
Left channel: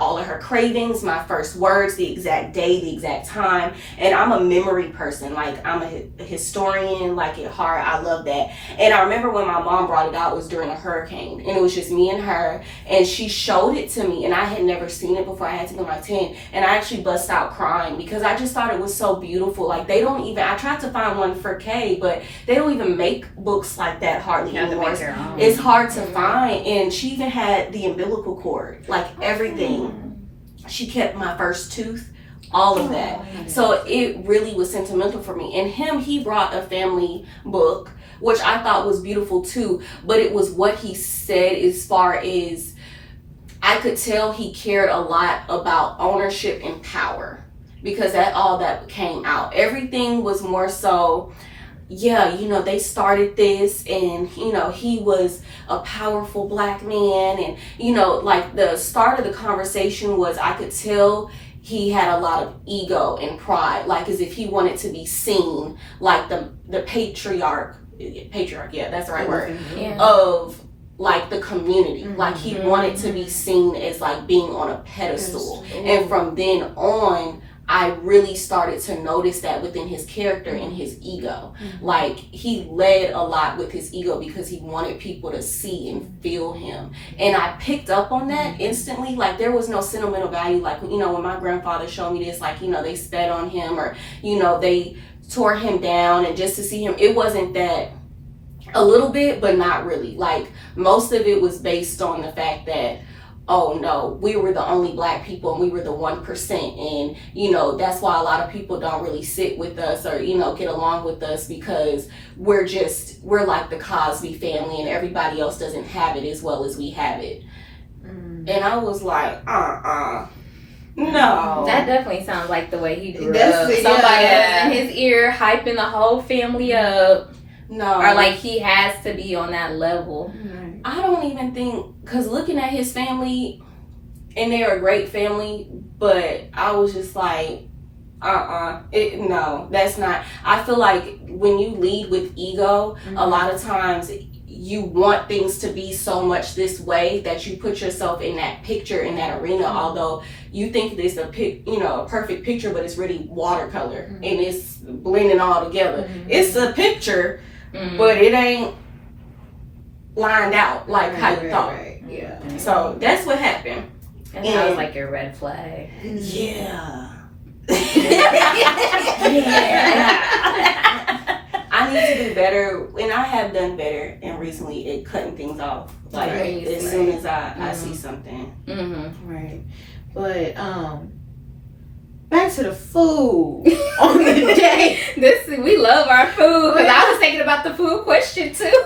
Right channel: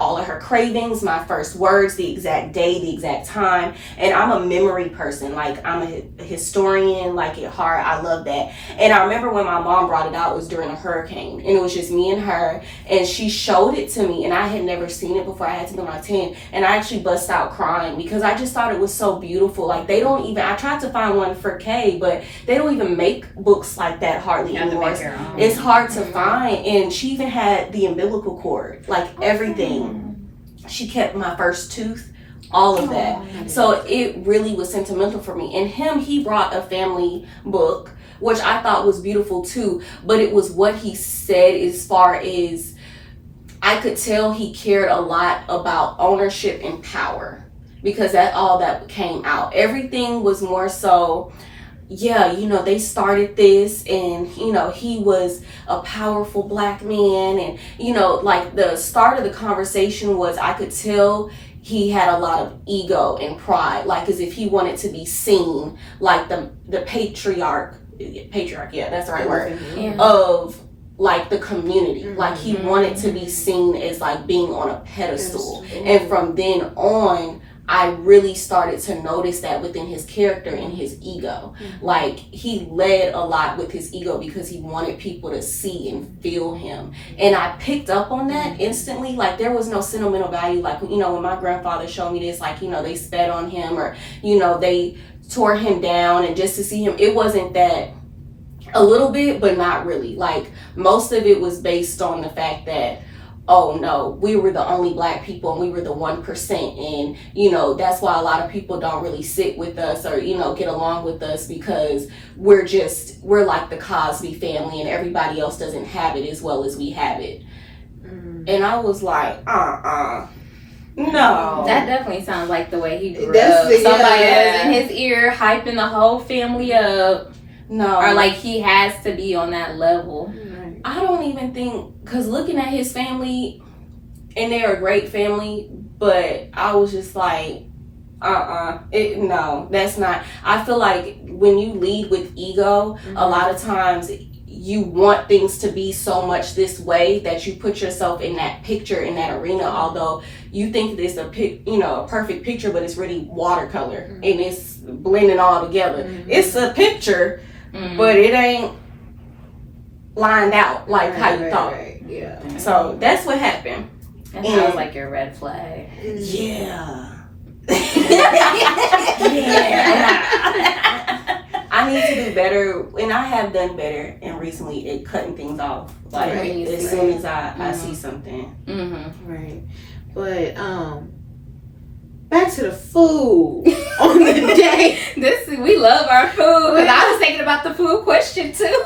all of her cravings, my first words, the exact day, the exact time. And I'm a memory person. Like, I'm a historian, like at heart. I love that. And I remember when my mom brought it out, it was during a hurricane, and it was just me and her, and she showed it to me, and I had never seen it before. I had to be like 10, and I actually bust out crying because I just thought it was so beautiful. Like, I tried to find one for Kay, but they don't even make books like that hardly anymore. It's hard to find. And she even had the umbilical cord, like everything. She kept my first tooth, all of that. So it really was sentimental for me. And he brought a family book, which I thought was beautiful too, but it was what he said as far as I could tell he cared a lot about ownership and power, because all that came out. Everything was more so, yeah, they started this, and, he was a powerful Black man. And, like the start of the conversation was, I could tell he had a lot of ego and pride, like as if he wanted to be seen like the patriarch, yeah, that's the right word, of like the community. Like he wanted to be seen as like being on a pedestal. And from then on, I really started to notice that within his character and his ego. Like, he led a lot with his ego because he wanted people to see and feel him. And I picked up on that instantly. Like, there was no sentimental value. Like, when my grandfather showed me this, like, they spat on him, or, they tore him down, and just to see him, it wasn't that. A little bit, but not really. Like, most of it was based on the fact that, oh no, we were the only Black people and we were the 1%. And, that's why a lot of people don't really sit with us or, get along with us, because we're like the Cosby family and everybody else doesn't have it as well as we have it. And I was like, no. That definitely sounds like the way he grew up. Somebody that was in his ear hyping the whole family up. No. Or like he has to be on that level. I don't even think, because looking at his family, and they're a great family, but I was just like, no, that's not. I feel like when you lead with ego, a lot of times you want things to be so much this way that you put yourself in that picture, in that arena, although you think it's a perfect picture, but it's really watercolor and it's blending all together. It's a picture, but it ain't lined out like how you thought. Yeah. So that's what happened. And that was like your red flag. Yeah. I need to do better, and I have done better, and recently cutting things off. Like as soon as I see something. Right. But back to the food on the day. We love our food. Because I was thinking about the food question too.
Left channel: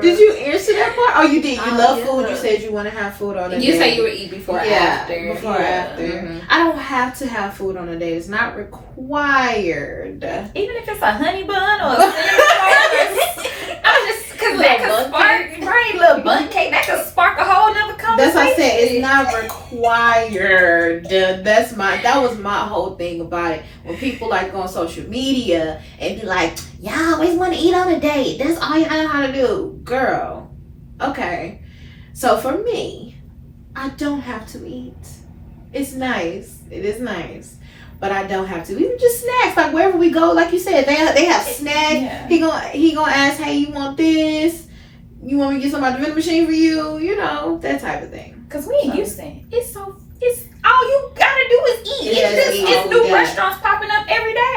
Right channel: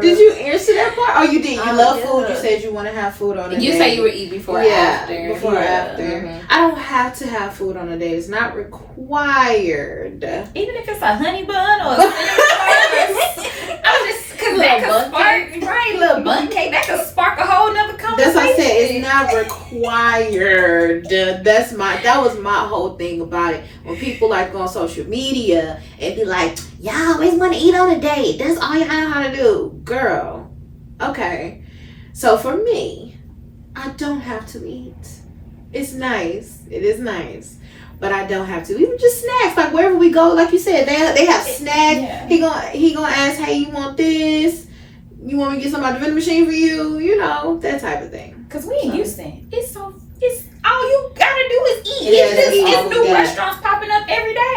Did you answer that part? Oh, you did. You love food. You said you want to have food on a day. You say you would eat before or after. Before or after. I don't have to have food on a day. It's not required. Even if it's a honey bun or a I'm just because that could spark, little bun cake, that could spark a whole nother conversation. That's what I said. It's not required. That was my whole thing about it. When people like go on social media and be like, y'all always want to eat on a date. That's all you know how to do. Girl. Okay. So for me, I don't have to eat. It's nice. It is nice. But I don't have to. Even just snacks. Like wherever we go, like you said, they have snacks. Yeah. He gonna ask, hey, you want this? You want me to get something out the vending machine for you? That type of thing. Because we in Houston, it's all you gotta do is eat. It's new restaurants popping up every day.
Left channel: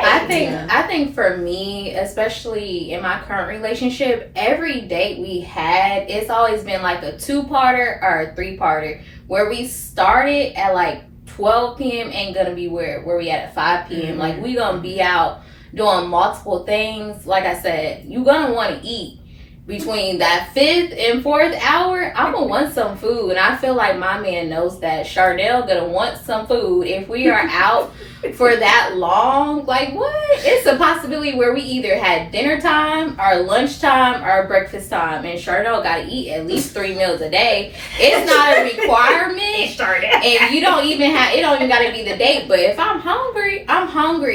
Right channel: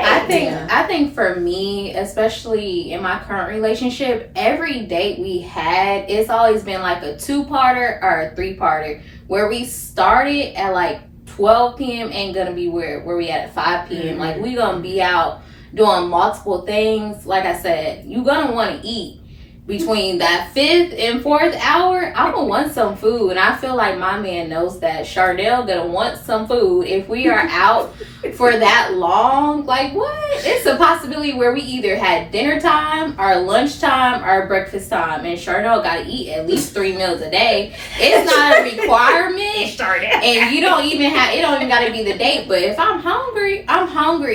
I think for me, especially in my current relationship, every date we had, it's always been like a 2-parter or a 3-parter, where we started at like 12 p.m. ain't gonna be where we at 5 p.m. Like we gonna be out doing multiple things. Like I said, you gonna want to eat, between that 5th and 4th hour, I'm gonna want some food, and I feel like my man knows that. Chardell gonna want some food if we are out for that long. Like, what? It's a possibility where we either had dinner time, or lunch time, or breakfast time, and Chardell gotta eat at least 3 meals a day. It's not a requirement, and you don't even have. It don't even gotta be the date. But if I'm hungry,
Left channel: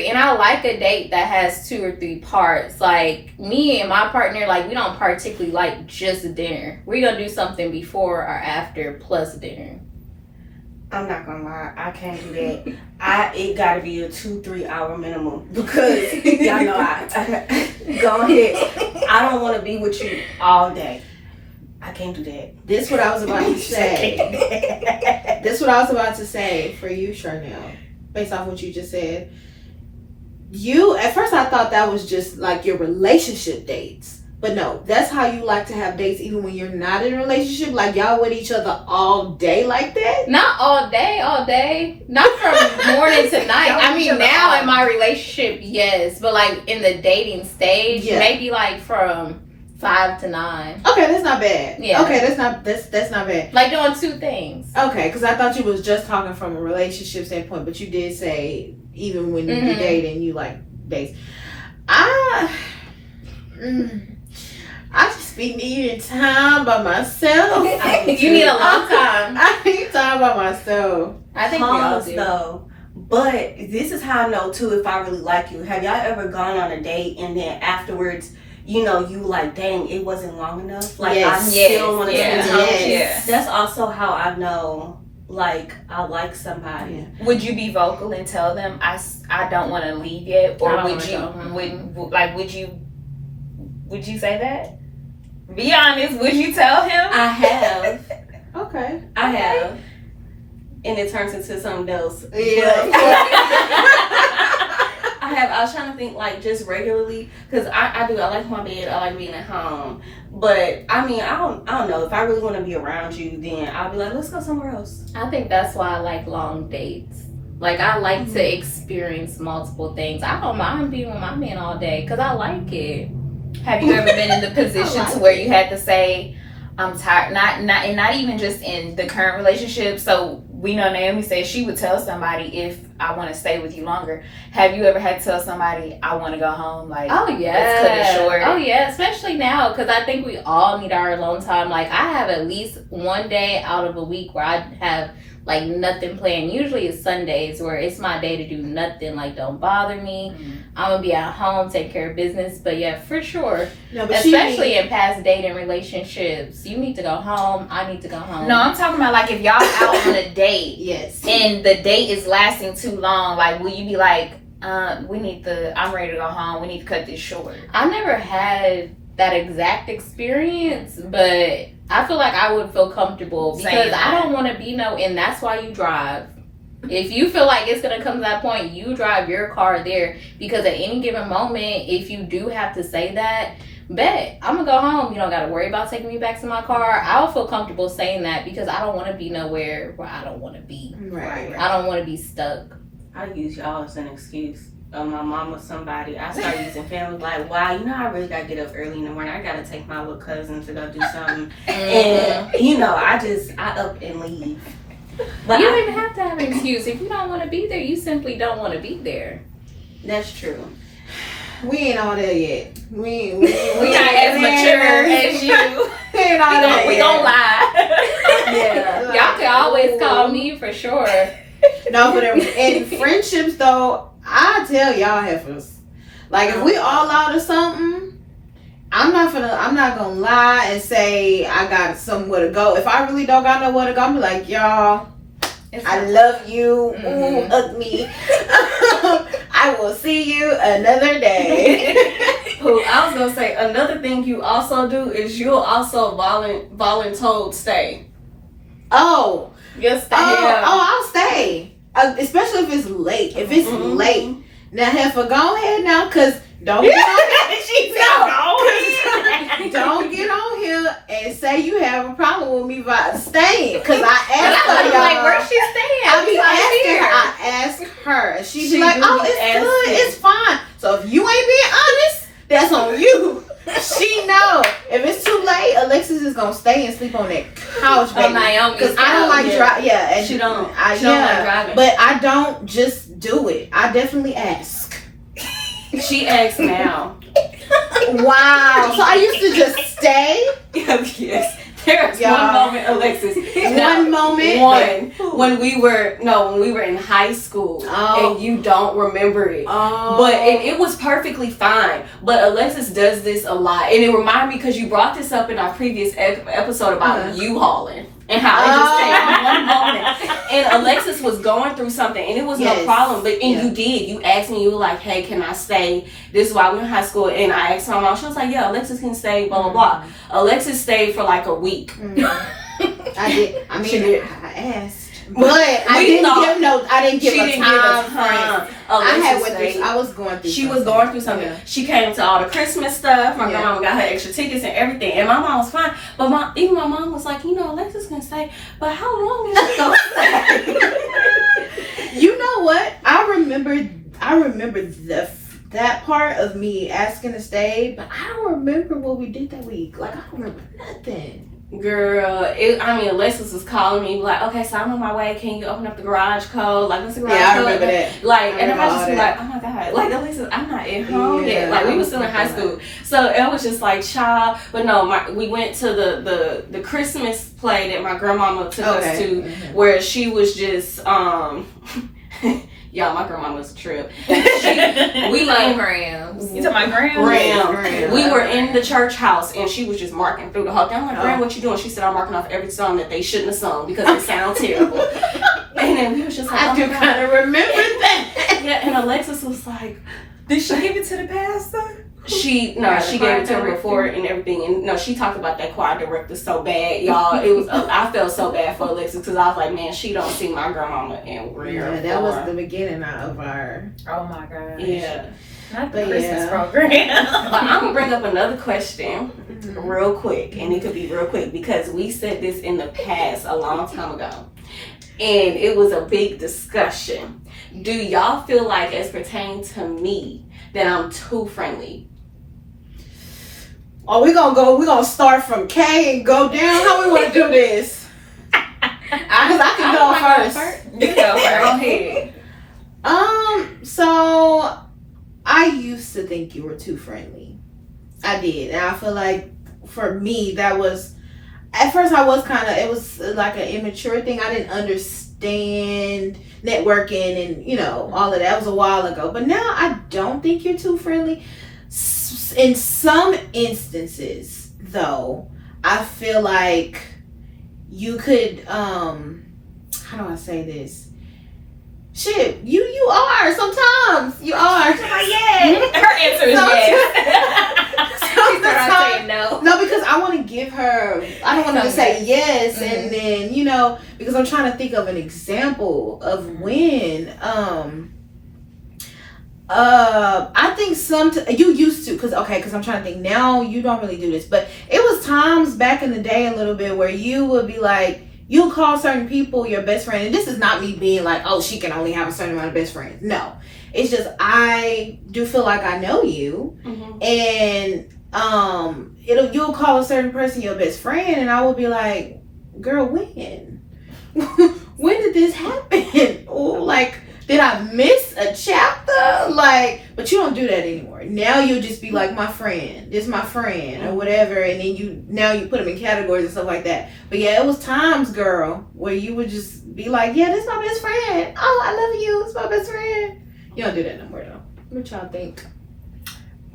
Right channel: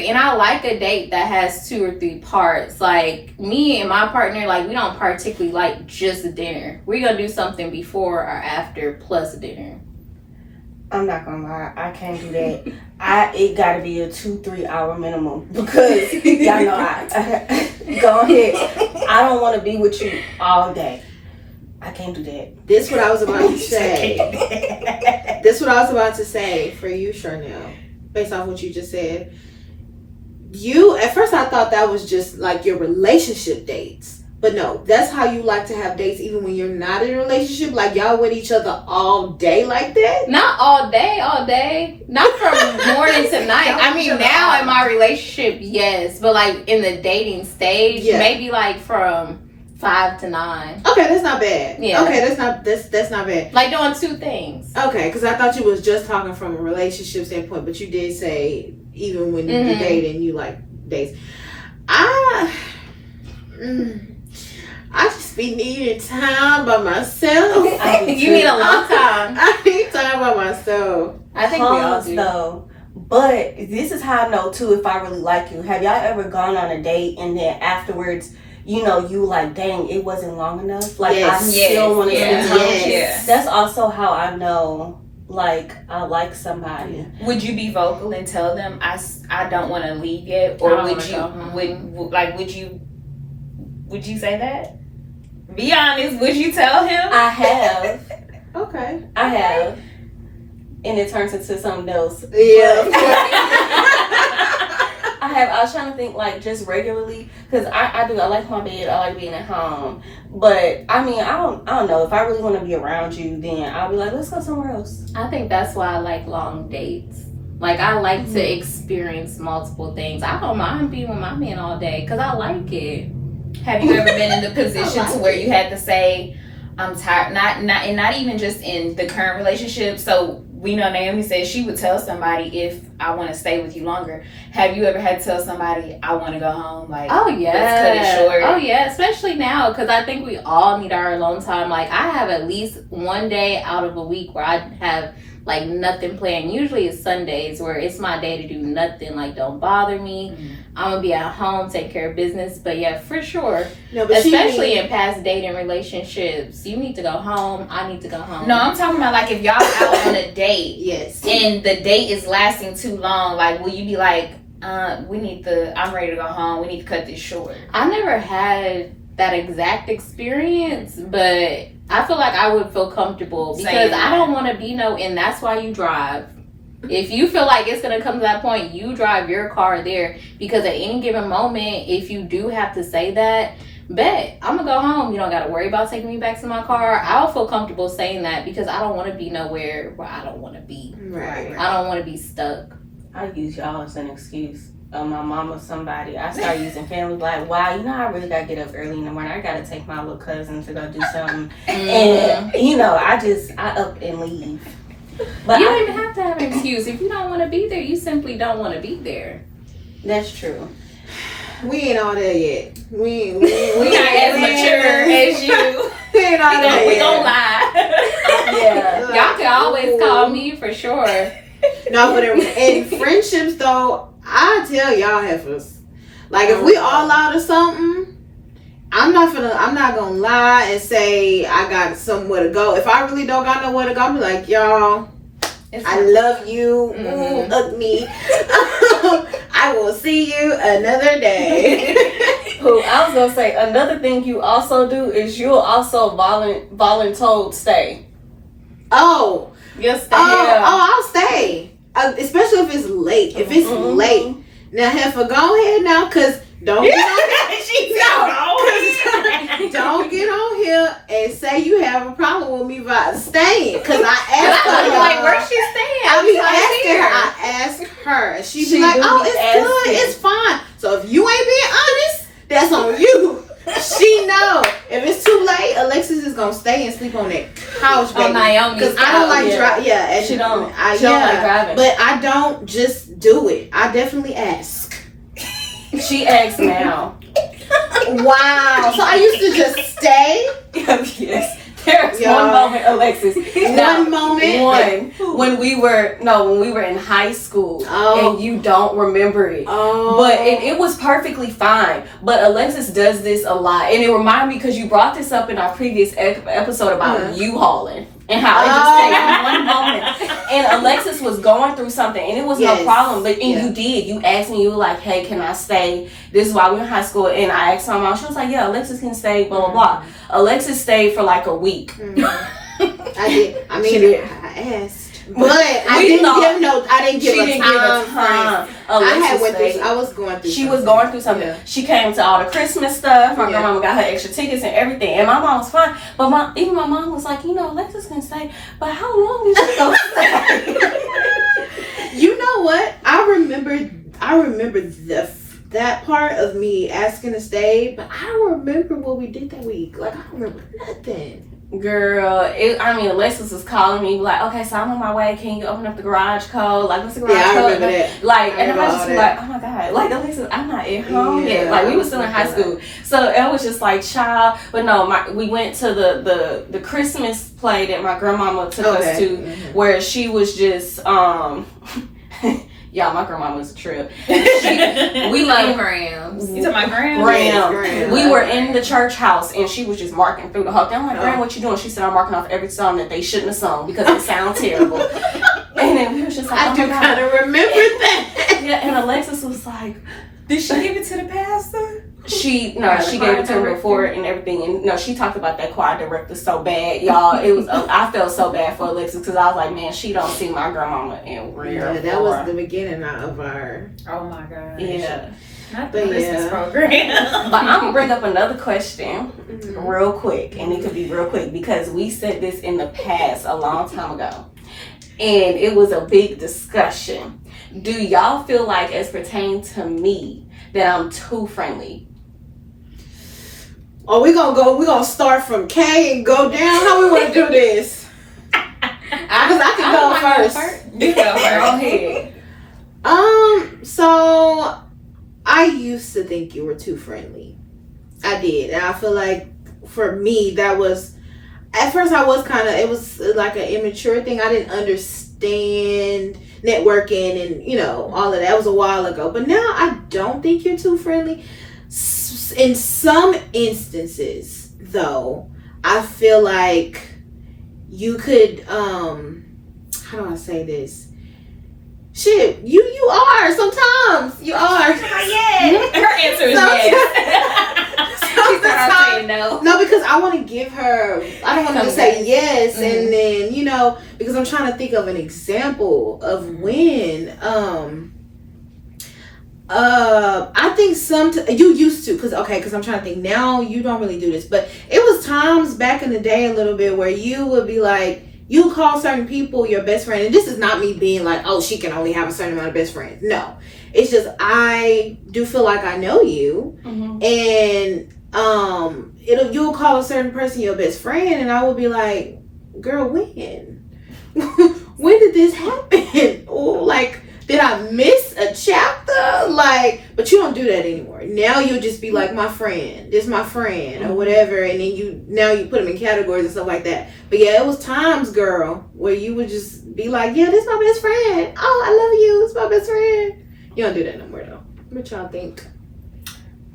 and I like a date that has 2 or 3 parts. Like me and my partner, like we don't particularly like just dinner. We're gonna do something before or after plus dinner. I'm not gonna lie, I can't do that. It gotta be a 2-3 hour minimum because y'all know I go ahead. I don't want to be with you all day. I can't do that. This what I was about to say. This what I was about to say for you, Charnel. Based off what you just said, you at first I thought that was just like your relationship dates. But no, that's how you like to have dates even when you're not in a relationship? Like y'all with each other all day like that? Not all day. Not from morning to night. I mean, now in my relationship, yes. But like in the dating stage, maybe like from 5 to 9. Okay, that's not bad. Yeah. Okay, that's not bad. Like doing 2 things. Okay, because I thought you was just talking from a relationship standpoint, but you did say even when you dating, you like dates. I just be needing time by myself. You need a long time. I need time by myself. I think we all do. Though. But this is how I know too if I really like you. Have y'all ever gone on a date and then afterwards, you know, you like, dang, it wasn't long enough? Like I still want to spend time with you. That's also how I know like I like somebody. Would you be vocal and tell them I don't want to leave yet, or would you say that? Be honest. Would you tell him? I have. Okay. I have. And it turns into something else. Yeah. I have. I was trying to think like just regularly because I do. I like my bed. I like being at home. But I mean, I don't know. If I really want to be around you, then I'll be like, let's go somewhere else. I think that's why I like long dates. Like I like to experience multiple things. I don't mind being with my man all day because I like it. Have you ever been in the position to where you had to say, I'm tired? Not even just in the current relationship. So we know Naomi said she would tell somebody if I want to stay with you longer. Have you ever had to tell somebody I want to go home? Like, oh yeah, let's cut it short. Oh yeah, especially now because I think we all need our alone time. Like I have at least one day out of a week where I have like nothing planned. Usually it's Sundays where it's my day to do nothing. Like don't bother me. I'm gonna be at home, take care of business. But yeah, for sure. No, but especially in past dating relationships, you need to go home. I need to go home. No, I'm talking about like if y'all out on a date, yes, and the date is lasting too long. Like, will you be like, I'm ready to go home. We need to cut this short. I never had that exact experience, but I feel like I would feel comfortable because I don't want to be and that's why you drive. If you feel like it's going to come to that point, you drive your car there because at any given moment, if you do have to say that, bet I'm going to go home. You don't got to worry about taking me back to my car. I'll feel comfortable saying that because I don't want to be nowhere where I don't want to be. Right. I don't want to be stuck. I use y'all as an excuse. My mom or somebody, I start using family like, wow, I really gotta get up early in the morning. I gotta take my little cousin to go do something. And I up and leave. But you don't even have to have an excuse. If you don't want to be there, you simply don't want to be there. That's true. We ain't all there yet. We not as mature as you. We ain't all there yet. We don't lie. Yeah. Y'all can always call me for sure. No, but in friendships though, I tell y'all heifers, like if we all out of something, I'm not gonna lie and say I got somewhere to go. If I really don't got nowhere to go, I'm like, y'all, I love you. Hug me. I will see you another day. I was gonna say another thing you also do is you'll also voluntold stay. Oh, you'll stay. I'll stay. Especially if it's late. If it's late. Now, heifer, go ahead now, because don't get on don't get on here and say you have a problem with me by staying. Because I asked her, like, where's she staying? I asked her. And she be like, oh, it's good. It's fine. So if you ain't being honest, that's on you. She know. If it's too is gonna stay and sleep on that couch, Oh, baby. Naomi's Because I don't like yeah. driving. Yeah, and She don't like yeah, driving. but I don't just do it. I definitely ask. She asks now. Wow. So I used to just stay. Yes. There's Y'all. one moment, Alexis. One moment. When we were in high school, Oh. and you don't remember it. Oh. But it was perfectly fine. But Alexis does this a lot, and it reminded me because you brought this up in our previous episode about U-hauling and how it just takes one moment. And Alexis was going through something, and it was no problem. But you did. You asked me. You were like, "Hey, can I stay?" This is why we were in high school, and I asked my mom. She was like, "Yeah, Alexis can stay." Blah blah blah. Alexis stayed for like a week. I did. I mean, She did. I asked. But I didn't give She a didn't time give a time. frame. I Alexis went through. stayed. I was going through. She was going through something. Yeah. She came to all the Christmas stuff. My Yeah. grandma got her extra tickets and everything. And my mom was fine. But my mom was like, Alexis can stay. But how long is she going to stay? You know what? I remember that part of me asking to stay, but I don't remember what we did that week. Like I don't remember nothing. Girl, Alexis was calling me like, okay, so I'm on my way. Can you open up the garage code? Like, what's the garage code? Yeah, I remember that. Like, I and I remember was just all like, oh my God. Like, Alexis, I'm not at home yet. Yeah, Like, we I were still in high school. So it was just like, child. But no, we went to the Christmas play that my grandmama took us to, where she was just, y'all, my grandma was a trip. We love Grams. You talking about Grams? Graham. We were in the church house and she was just marking through the whole thing. I'm like, Graham, what you doing? She said, I'm marking off every song that they shouldn't have sung because it sounds terrible. And then we was just like, I do kind of remember that. Yeah, and Alexis was like, Did she give it to the pastor? she gave it to him before and everything. And no, she talked about that choir director so bad, y'all. It was I felt so bad for Alexis because I was like, man, she don't see my grandmama in real. Yeah, that was the beginning of our. Oh my God. Yeah. Not the But Christmas yeah. program. But I'm gonna bring up another question real quick, and it could be real quick because we said this in the past a long time ago, and it was a big discussion. Do y'all feel like, as pertaining to me, that I'm too friendly? Oh, we're gonna start from K and go down. How we want to do this? Because I can go first. You go first. Go ahead. So I used to think you were too friendly. I did, and I feel like for me that was. At first, I was it was like an immature thing. I didn't understand networking and all of that. It was a while ago, but now I don't think you're too friendly. In some instances, though, I feel like you could. How do I say this? Shit, you are sometimes. You are. Her answer is yes. No, because I want to give her. I don't want her to say yes, and then because I'm trying to think of an example of when. I think you used to, because I'm trying to think now. You don't really do this, but it was times back in the day a little bit where you would be like, you call certain people your best friend, and this is not me being like, oh, she can only have a certain amount of best friends. No, it's just I do feel like I know you, and you'll call a certain person your best friend, and I will be like, girl, when when did this happen? Or like, did I miss a chapter? Like, but you don't do that anymore. Now you'll just be like, my friend, this my friend, or whatever, and then you put them in categories and stuff like that. But yeah, it was times, girl, where you would just be like, yeah, this my best friend. Oh, I love you. It's my best friend. You don't do that no more though. What y'all think?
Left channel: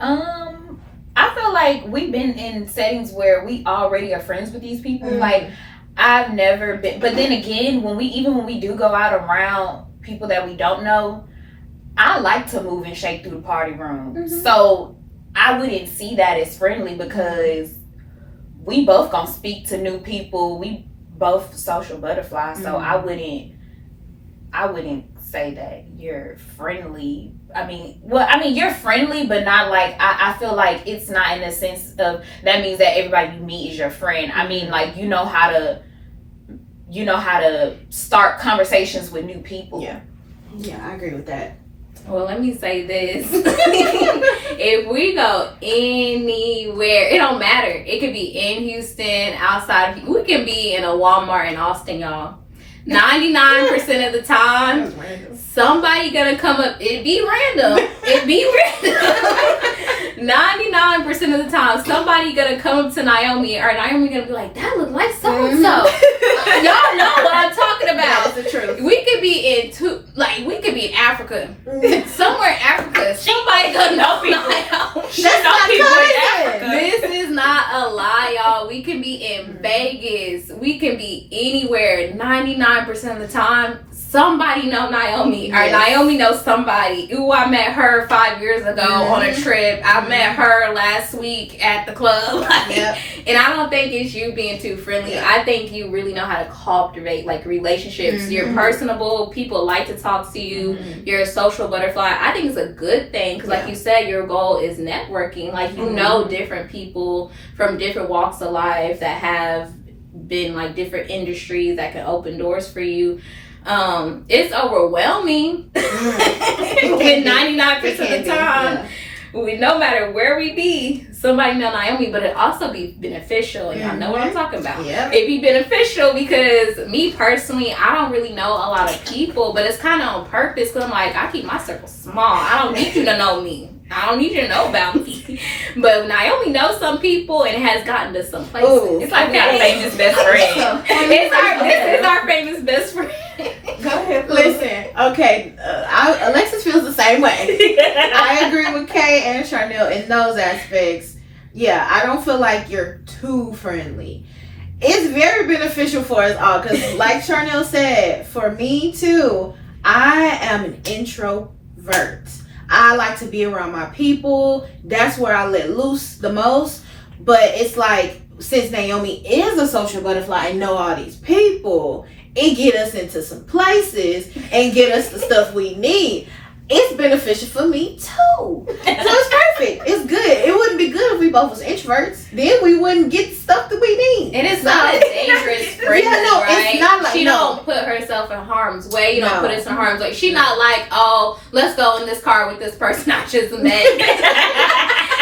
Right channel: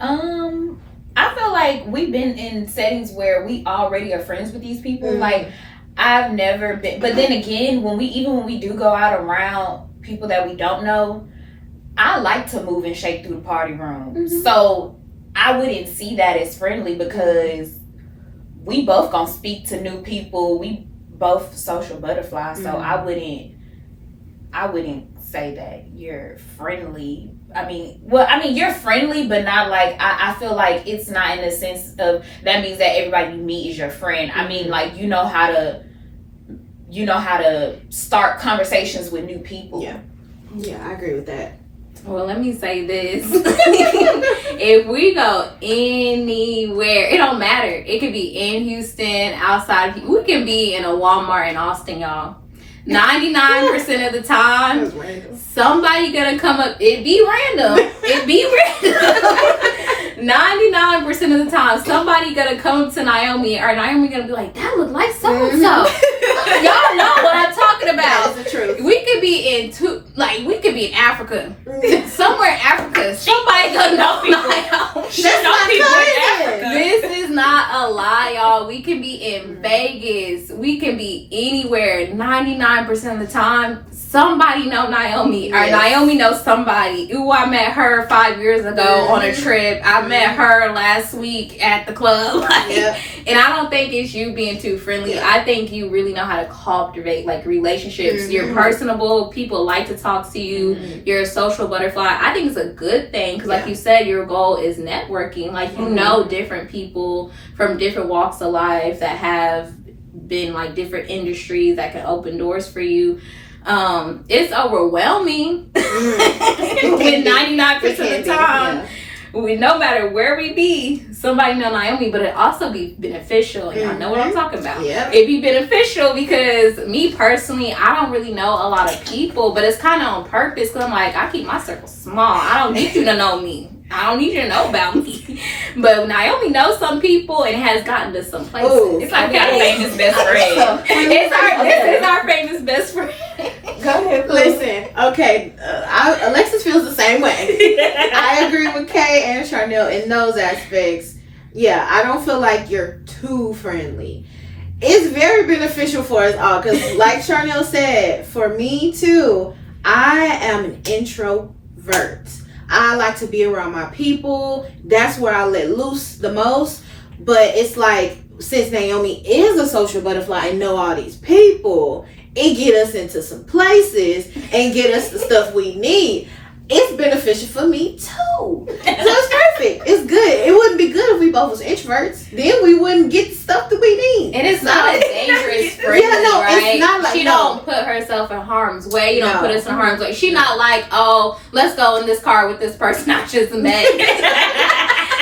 I feel like we've been in settings where we already are friends with these people. Like, I've never been, but then again, when we do go out around people that we don't know, I like to move and shake through the party room. So I wouldn't see that as friendly because we both gonna speak to new people. We both social butterflies. So I wouldn't say that you're friendly. I mean, you're friendly, but not like, I feel like it's not in the sense of that means that everybody you meet is your friend. I mean, like, you know how to start conversations with new people. Yeah, I agree with that. Well, let me say this. If we go anywhere, it don't matter. It could be in Houston, outside. We can be in a Walmart in Austin, y'all. 99% of the time, somebody gonna come up. It be random. 99% of the time, somebody gonna come up to Naomi, or Naomi gonna be like, "That look like so and so." Y'all know what I'm talking about. That's the truth. We could be we could be in Africa, somewhere in Africa. Somebody gonna know people. That's my cousin. This is not a lie, y'all. We can be in Vegas. We can be anywhere. 99% of the time, somebody know Naomi, or Naomi knows somebody. Ooh, I met her 5 years ago on a trip. I met her last week at the club. And I don't think it's you being too friendly. I think you really know how to cultivate like relationships. You're personable. People like to talk to you. You're a social butterfly. I think it's a good thing because, like you said, your goal is networking. Like you know different people from different walks of life that have been like different industries that can open doors for you. It's overwhelming with 99% of the time. No matter where we be, somebody know Naomi, but it also be beneficial, and I know what I'm talking about. It be beneficial because me personally, I don't really know a lot of people, but it's kind of on purpose because I'm like, I keep my circle small. I don't need you to know me. I don't need you to know about me. But Naomi knows some people and has gotten to some places. Ooh, it's like we got a famous best friend. This is our famous best friend. Go ahead. Listen, okay, Alexis feels the same way. I agree with Kay and Charnel in those aspects. Yeah, I don't feel like you're too friendly. It's very beneficial for us all because, like Charnel said, for me too, I am an introvert. I like to be around my people. That's where I let loose the most. But it's like, since Naomi is a social butterfly and know all these people, it get us into some places and get us the stuff we need. It's beneficial for me too. So it's perfect. It's good. It wouldn't be good if we both was introverts. Then we wouldn't get the stuff that we need. And it's not a dangerous friend, right? It's not like, she don't put herself in harm's way. You don't put us in harm's way. She's not like, oh, let's go in this car with this person I just met.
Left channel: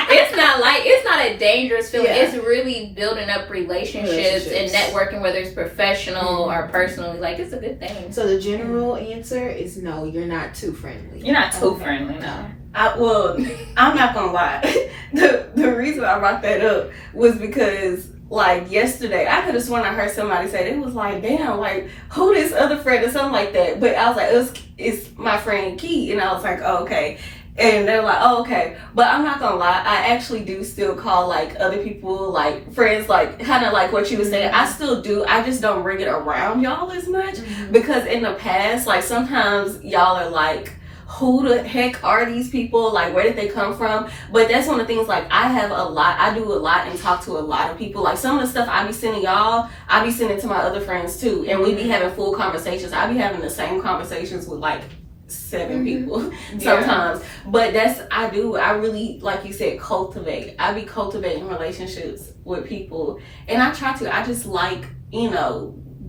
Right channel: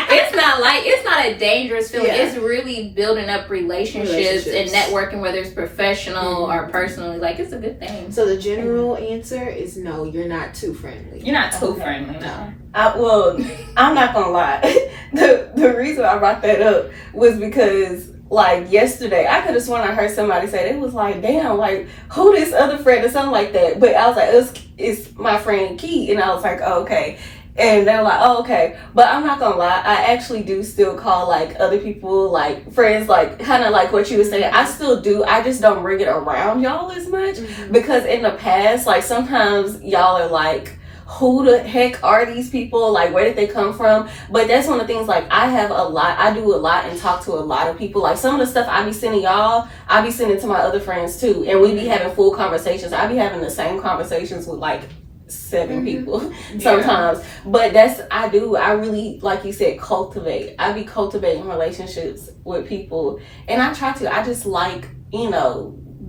It's not a dangerous feeling. It's really building up relationships and networking, whether it's professional or personally. Like, it's a good thing. So the general answer is no, you're not too friendly. You're not too friendly, no. I'm not gonna lie. The reason I brought that up was because, like, yesterday, I could have sworn I heard somebody say, it was like, damn, like, who this other friend or something like that. But I was like, it's my friend Key. And I was like, oh, okay. And they were like, oh, okay. But I'm not gonna lie, I actually do still call, like, other people, like, friends, like, kind of like what you were saying. I still do. I just don't bring it around y'all as much. Because in the past, like, sometimes y'all are like, who the heck are these people? Like, where did they come from? But that's one of the things, like, I do a lot and talk to a lot of people. Like, some of the stuff I be sending y'all, I be sending to my other friends too. And we be having full conversations. I be having the same conversations with, like, 7 people sometimes. But I really, like you said, cultivate. I be cultivating relationships with people. And I try to. I just like,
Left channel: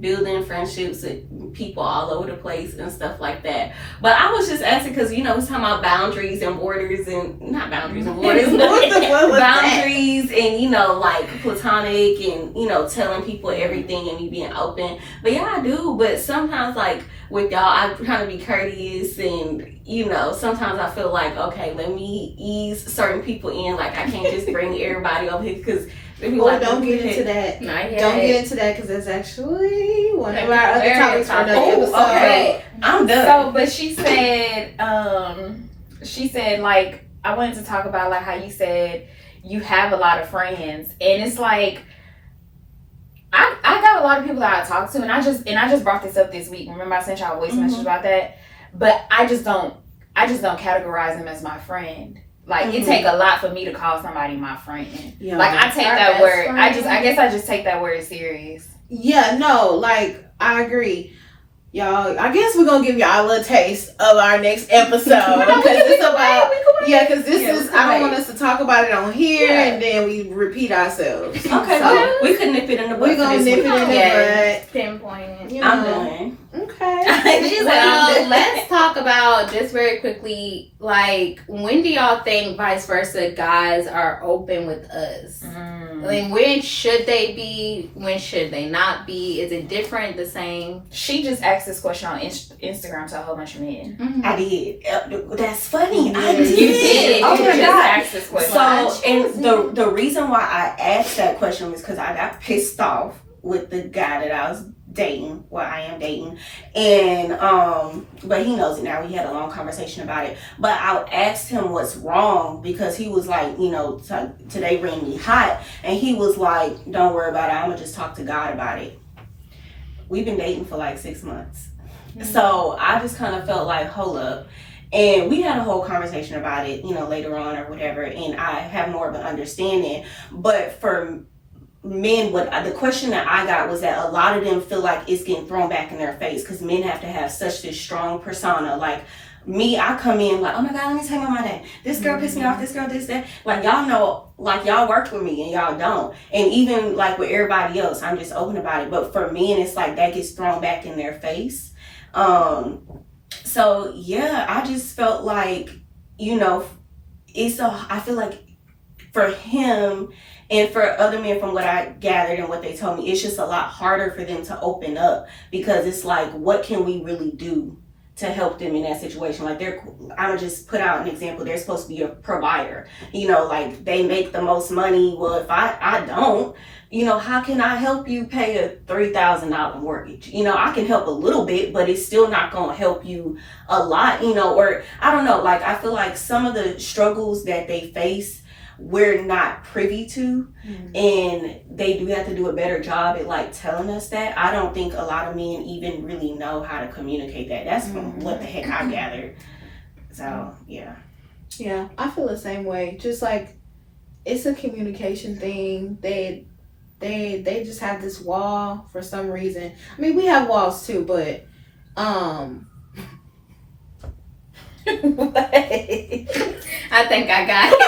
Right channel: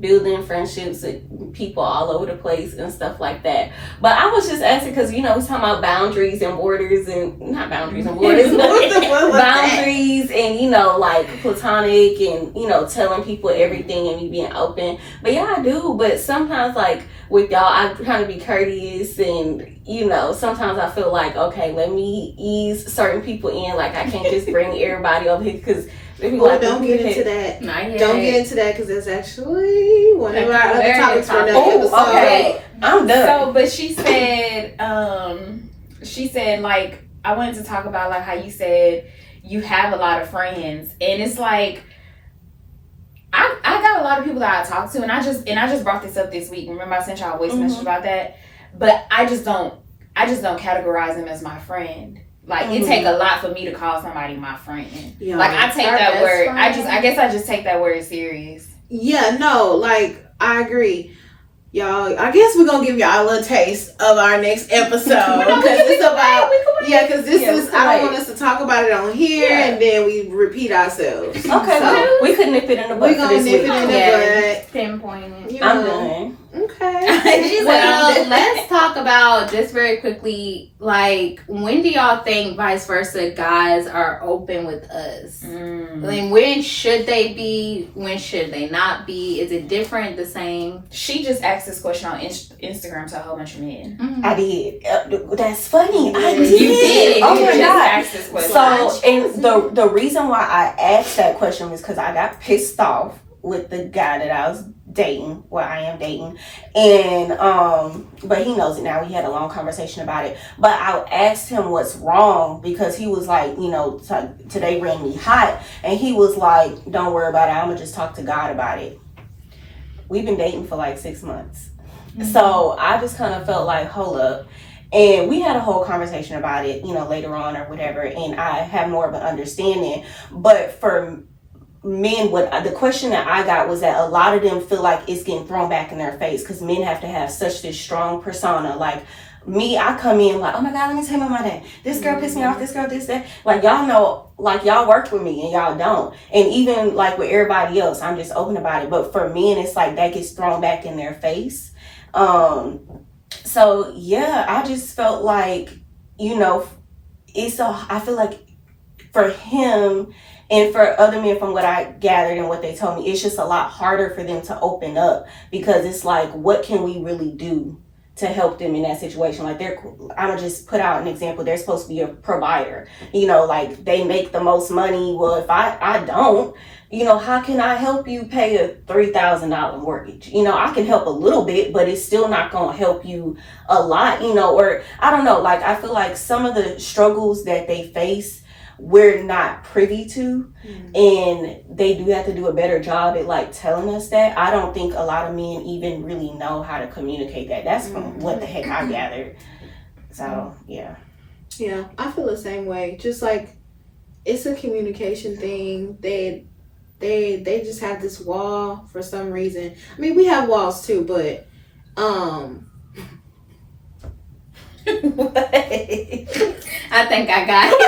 building friendships with people all over the place and stuff like that. But I was just asking because, we're talking about boundaries and borders and, not boundaries and borders, boundaries and, like platonic and, telling people everything and me being open. But yeah, I do. But sometimes, like, with y'all, I kind of be courteous and, sometimes I feel like, okay, let me ease certain people in. Like, I can't just bring everybody over here because don't get into that. Don't get into that because that's actually one of our other topics for another episode. Okay. I'm done. So, but she said, like, I wanted to talk about, like, how you said you have a lot of friends, and it's like, I got a lot of people that I talk to, and I just brought this up this week. Remember I sent y'all a voice message about that? But I just don't categorize them as my friend. Like, it take a lot for me to call somebody my friend. Yeah. Like, I take that word. Friend. I just take that word serious. Yeah, no, like, I agree. Y'all, I guess we're going to give y'all a little taste of our next episode. Because it's about, because this is, I don't want us to talk about it on here and then we repeat ourselves. Okay, so we could nip it in the butt. We're going to nip it in the butt. Pinpoint it. I'm done. Okay. Well, let's talk about just very quickly, like, when do y'all think vice versa guys are open with us? Like, when should they be? When should they not be? Is it different, the same? She just asked this question on Instagram to a whole bunch of men. I did. That's funny. I You did. did. Oh You my just God. asked this question. So, and the reason why I asked that question was because I got pissed off with the guy that I was dating, I am dating, and but he knows it now. We had a long conversation about it, but I asked him what's wrong because he was like, today ran me hot, and he was like, don't worry about it, I'm gonna just talk to God about it. We've been dating for like 6 months. So I just kind of felt like, hold up. And we had a whole conversation about it, later on or whatever, and I had more of an understanding. But for men, the question that I got was that a lot of them feel like it's getting thrown back in their face because men have to have such this strong persona. Like me, I come in like, oh my God, let me tell you my day. This girl pissed me off, this girl, this, that. Like y'all know, like y'all work with me and y'all don't. And even like with everybody else, I'm just open about it. But for men, it's like that gets thrown back in their face. So yeah, I just felt like, I feel like for him and for other men, from what I gathered and what they told me, it's just a lot harder for them to open up because it's like, what can we really do to help them in that situation? Like I'm gonna just put out an example. They're supposed to be a provider, like they make the most money. Well, if I don't, how can I help you pay a $3,000 mortgage? I can help a little bit, but it's still not going to help you a lot, or I don't know. Like, I feel like some of the struggles that they face, we're not privy to, and they do have to do a better job at like telling us that. I don't think a lot of men even really know how to communicate that. That's from what the heck I gathered. So, yeah. Yeah, I feel the same way. Just like, it's a communication thing. They just have this wall for some reason. I mean, we have walls too, but What? I think I got it.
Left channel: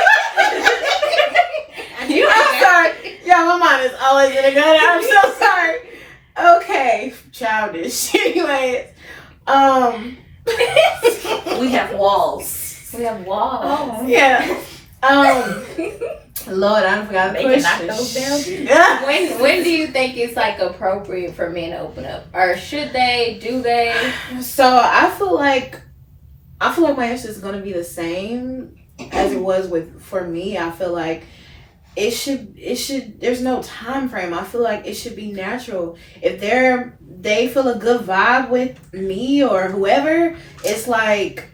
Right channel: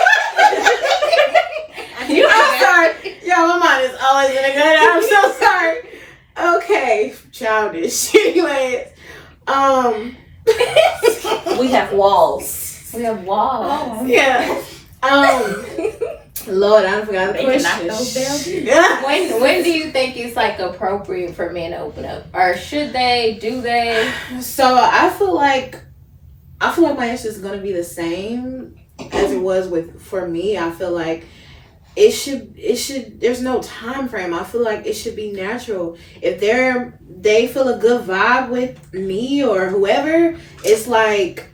I'm sorry. Y'all, my mind is always in a good. I'm so sorry. Okay, childish. Anyways, We have walls. We have walls. yeah. Lord, I forgot the They can knock question. those down. When do you think it's like appropriate for men to open up, or should they? Do they? So I feel like my answer is gonna be the same as it was for me. I feel like it should there's no time frame. I feel like it should be natural. If they feel a good vibe with me or whoever, it's like,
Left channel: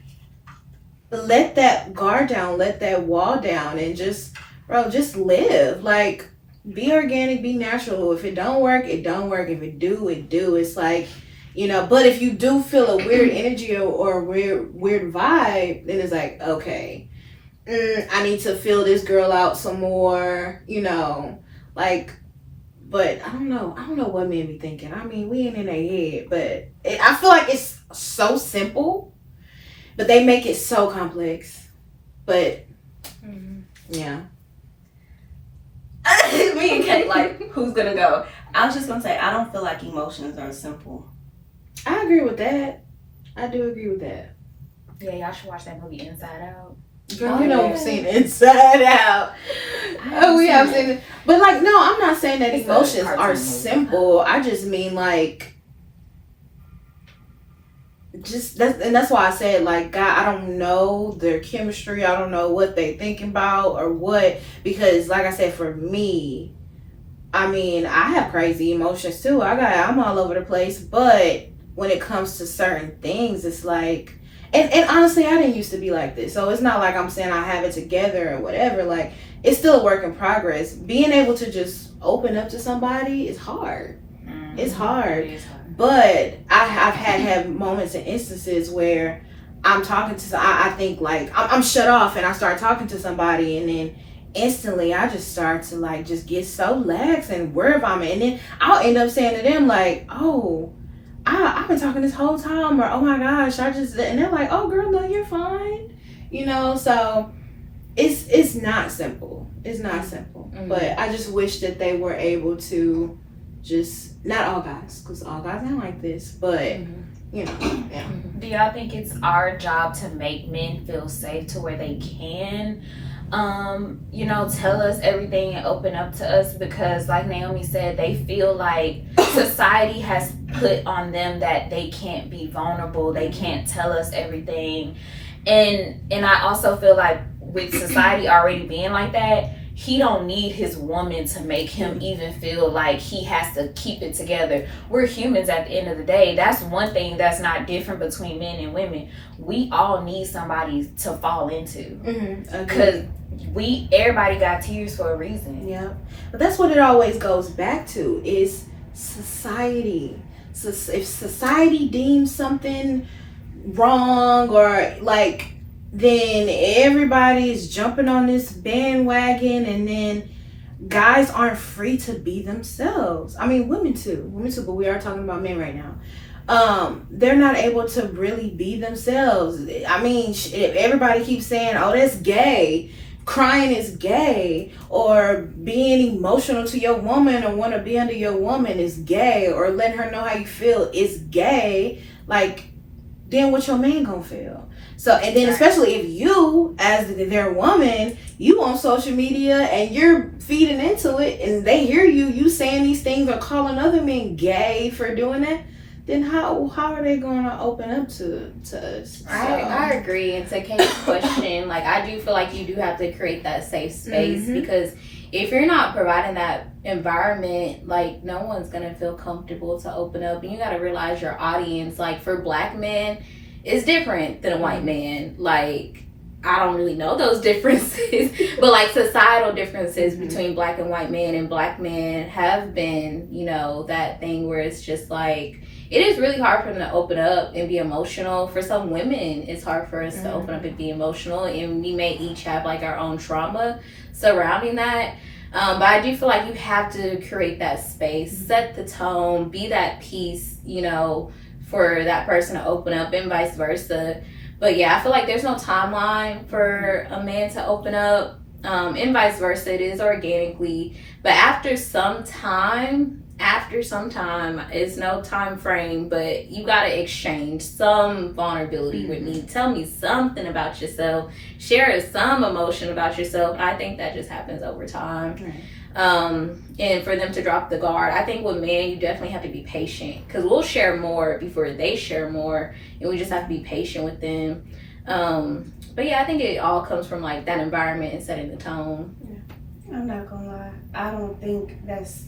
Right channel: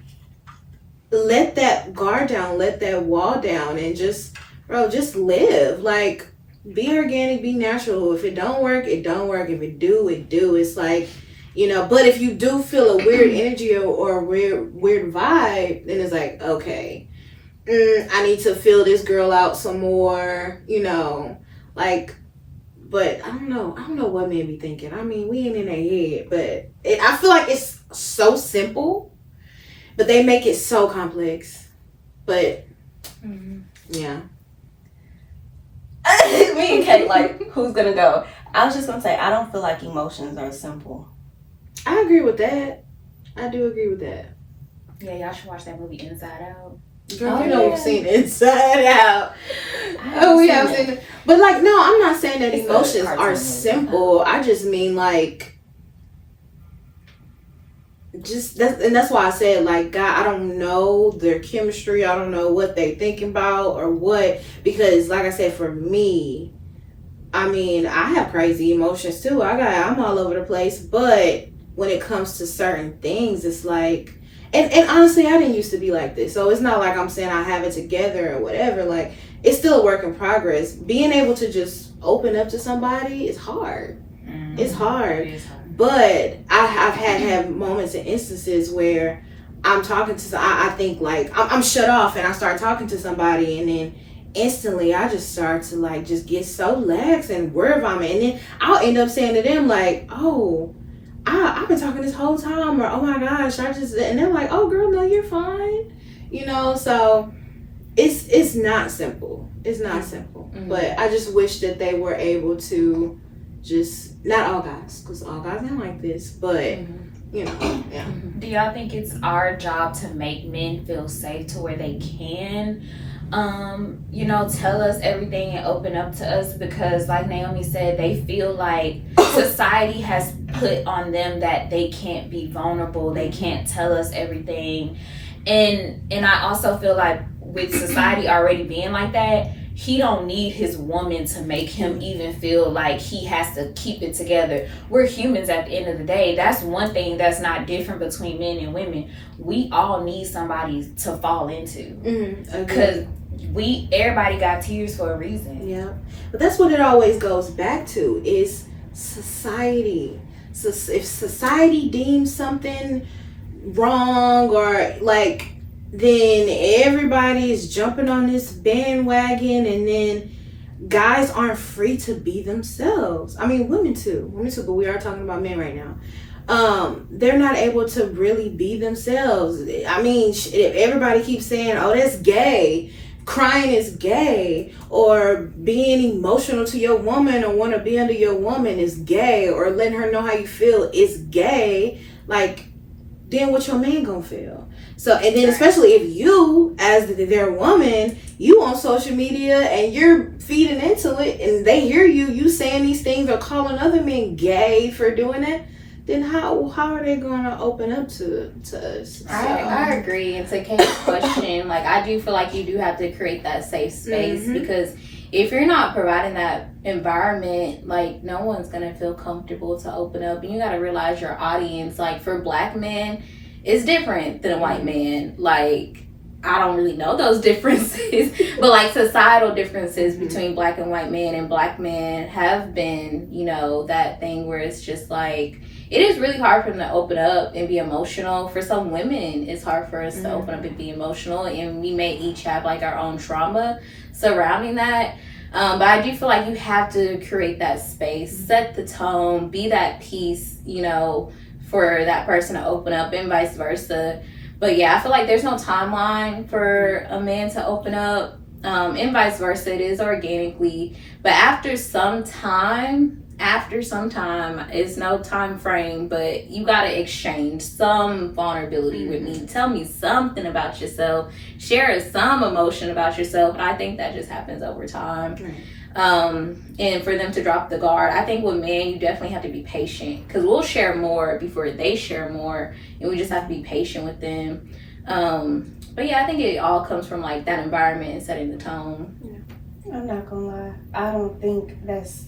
let that guard down, let that wall down, and just live. Like, be organic, be natural. If it don't work, it don't work. If it do, it do. It's like, but if you do feel a weird energy or weird vibe, then it's like, okay, I need to feel this girl out some more, like, but I don't know what men be thinking. I mean, we ain't in their head, but I feel like it's so simple, but they make it so complex. But yeah. Me and Kate, like, who's gonna go? I was just gonna say, I don't feel like emotions are simple. I agree with that. I do agree with that. Yeah, y'all should watch that movie Inside Out. Girl, you know, we've seen Inside Out. Oh, we have seen it. But like, no, I'm not saying that It's a emotions cartoon are movie. simple. I just mean like, that's why I said, like, God, I don't know their chemistry. I don't know what they thinking about or what, because like I said, for me, I mean, I have crazy emotions too. I'm all over the place, but when it comes to certain things, it's like, and honestly, I didn't used to be like this. So it's not like I'm saying I have it together or whatever. Like, it's still a work in progress. Being able to just open up to somebody is hard. It's hard. But I've had moments and instances where I'm talking to, I think like I'm shut off and I start talking to somebody, and then instantly I just start to like just get so lax and word vomit, and then I'll end up saying to them like, oh, I've been talking this whole time, or oh my gosh, and they're like, oh girl, no, you're fine, so it's not simple. It's not simple. But I just wish that they were able to just not all guys, because all guys ain't like this, but you know, yeah. Do y'all think it's our job to make men feel safe to where they can, you know, tell us everything and open up to us? Because like Naomi said, they feel like society has put on them that they can't be vulnerable, they can't tell us everything. And I also feel like with society already being like that, he don't need his woman to make him even feel like he has to keep it together. We're humans at the end of the day. That's one thing that's not different between men and women. We all need somebody to fall into. Because everybody got tears for a reason. Yeah. But that's what it always goes back to, is society. So if society deems something wrong or like, then everybody is jumping on this bandwagon, and then guys aren't free to be themselves. I mean, women too, but we are talking about men right now. They're not able to really be themselves. I mean, if everybody keeps saying, oh, that's gay, crying is gay, or being emotional to your woman or want to be under your woman is gay, or letting her know how you feel is gay, like, then what your man gonna feel? So, and then especially if you, as their woman, you on social media and you're feeding into it, and they hear you saying these things or calling other men gay for doing it, then how are they going to open up to us? So. I agree. And to Kate's question, like, I do feel like you do have to create that safe space, because if you're not providing that environment, like, no one's going to feel comfortable to open up. And you got to realize your audience, like, for black men, is different than a white man. Like, I don't really know those differences, but like societal differences between black and white men, and black men have been, you know, that thing where it's just like, it is really hard for them to open up and be emotional. For some women, it's hard for us to open up and be emotional, and we may each have like our own trauma surrounding that. But I do feel like you have to create that space, set the tone, be that peace, you know, for that person to open up, and vice versa. But yeah, I feel like there's no timeline for a man to open up, and vice versa. It is organically, but after some time, it's no time frame, but you gotta exchange some vulnerability with me. Tell me something about yourself, share some emotion about yourself, and I think that just happens over time. And for them to drop the guard, I think with men, you definitely have to be patient, because we'll share more before they share more, and we just have to be patient with them. But yeah, I think it all comes from like that environment and setting the tone. Yeah. I'm not gonna lie, I don't think that's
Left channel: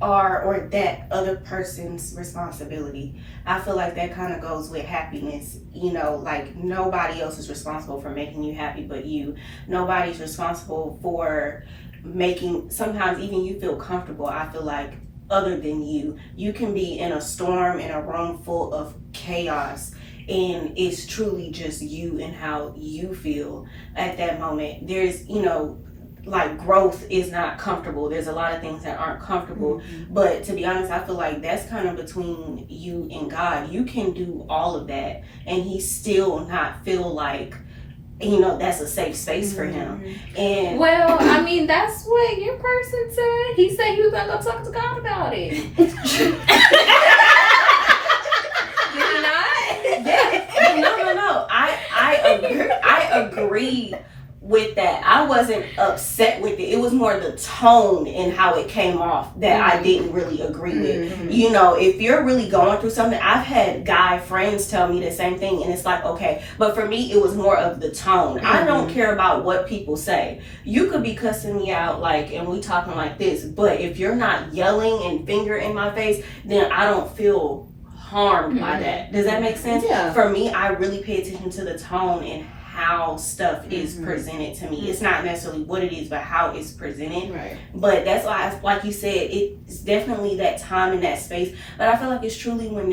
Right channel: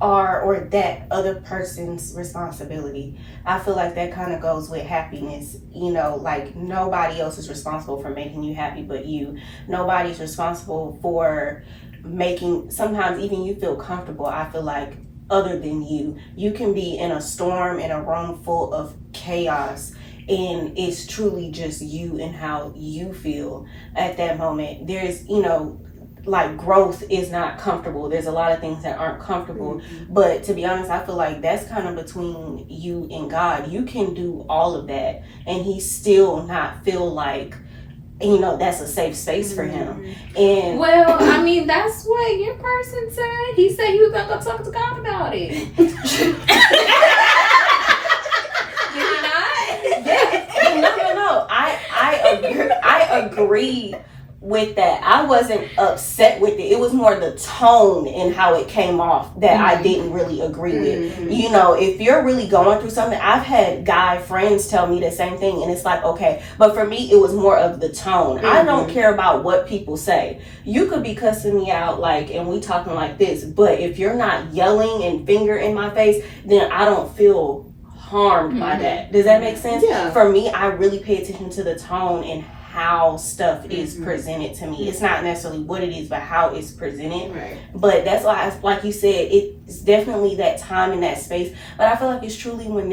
our or that other person's responsibility. I feel like that kind of goes with happiness. You know, like, nobody else is responsible for making you happy but you. Nobody's responsible for making, sometimes even you feel comfortable, I feel like, other than you. You can be in a storm, in a room full of chaos, and it's truly just you and how you feel at that moment. There's, you know, like, growth is not comfortable. There's a lot of things that aren't comfortable, but to be honest, I feel like that's kind of between you and God. You can do all of that and he still not feel like, you know, that's a safe space for him. And well, I mean, that's what your person said. He said he was gonna go talk to God about it. Did he not? Yeah. No. I agree with that. I wasn't upset with it. It was more the tone and how it came off that I didn't really agree with. You know, if you're really going through something, I've had guy friends tell me the same thing, and it's like, okay, but for me, it was more of the tone. I don't care about what people say. You could be cussing me out, like, and we talking like this, but if you're not yelling and finger in my face, then I don't feel harmed by that. Does that make sense? Yeah. For me, I really pay attention to the tone and how stuff is presented to me. It's not necessarily what it is, but how it's presented. Right. But that's why, like you said, it's definitely that time and that space. But I feel like it's truly when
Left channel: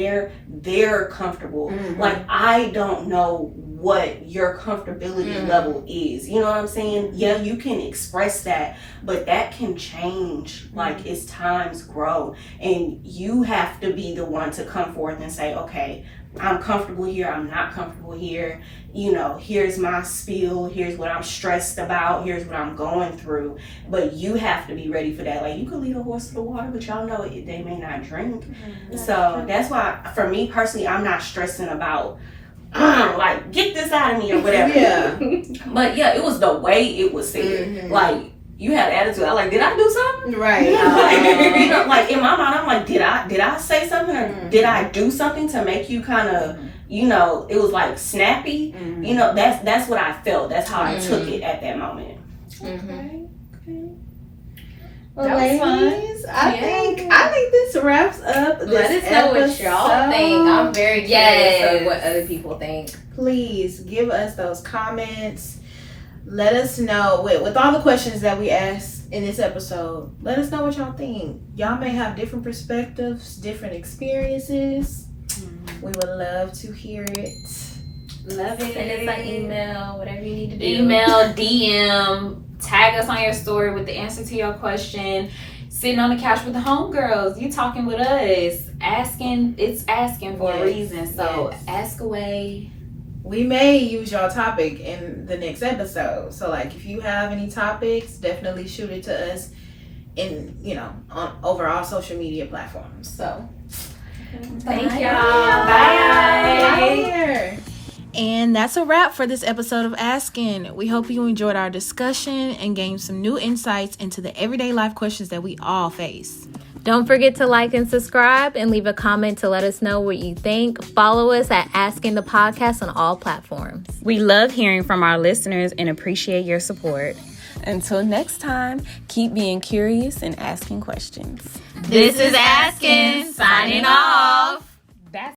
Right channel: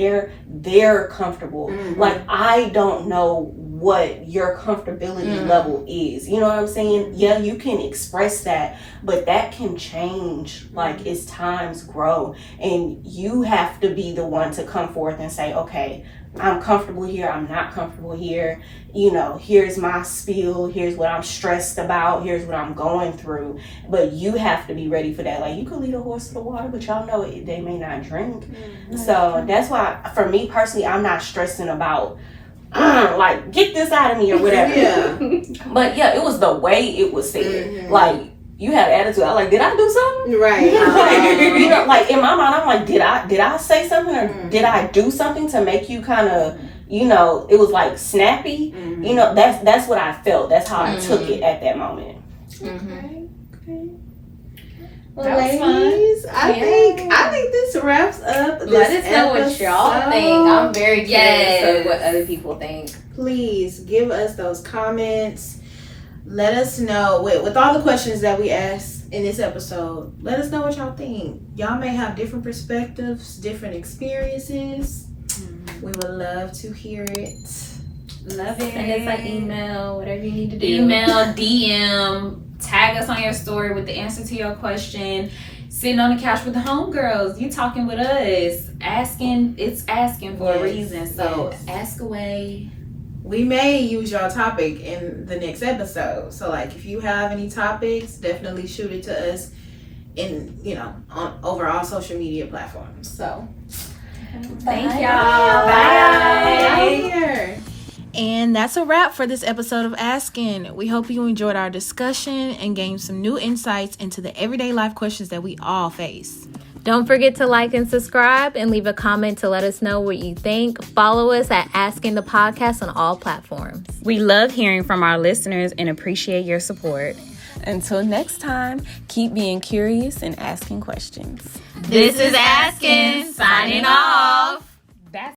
they're comfortable. Like, I don't know what your comfortability level is. You know what I'm saying? Yeah, you can express that, but that can change like as times grow, and you have to be the one to come forth and say, okay, I'm comfortable here, I'm not comfortable here. You know, here's my spiel, here's what I'm stressed about, here's what I'm going through. But you have to be ready for that. Like, you could lead a horse to the water, but y'all know they may not drink. So that's why, for me personally, I'm not stressing about, like, get this out of me or whatever. Yeah. But yeah, it was the way it was said. Like, you have attitude. I'm like, did I do something? Right. Like, you know, like in my mind, I'm like, did I say something or did I do something to make you kind of, you know, it was like snappy. You know, that's what I felt. That's how I took it at that moment. Okay. That Well, was fun. ladies, I think this wraps up this Let us know what y'all episode. think. I'm very curious Yes. of what other people think. Please give us those comments. Let us know with all the questions that we asked in this episode. Let us know what y'all think. Y'all may have different perspectives, different experiences. We would love to hear it. Love it. Send us an email, whatever you need to do. Email, DM, tag us on your story with the answer to your question. Sitting on the couch with the homegirls, you talking with us. It's asking for a reason. So ask away. We may use your topic in the next episode. So, like, if you have any topics, definitely shoot it to us in, you know, over all social media platforms. So, Thank y'all. Bye. And that's a wrap for this episode of ASKN. We hope you enjoyed our discussion and gained some new insights into the everyday life questions that we all face. Don't forget to like and subscribe and leave a comment to let us know what you think. Follow us at ASKN the Podcast on all platforms. We love hearing from our listeners and appreciate your support. Until next time, keep being curious and asking questions. This is ASKN signing off.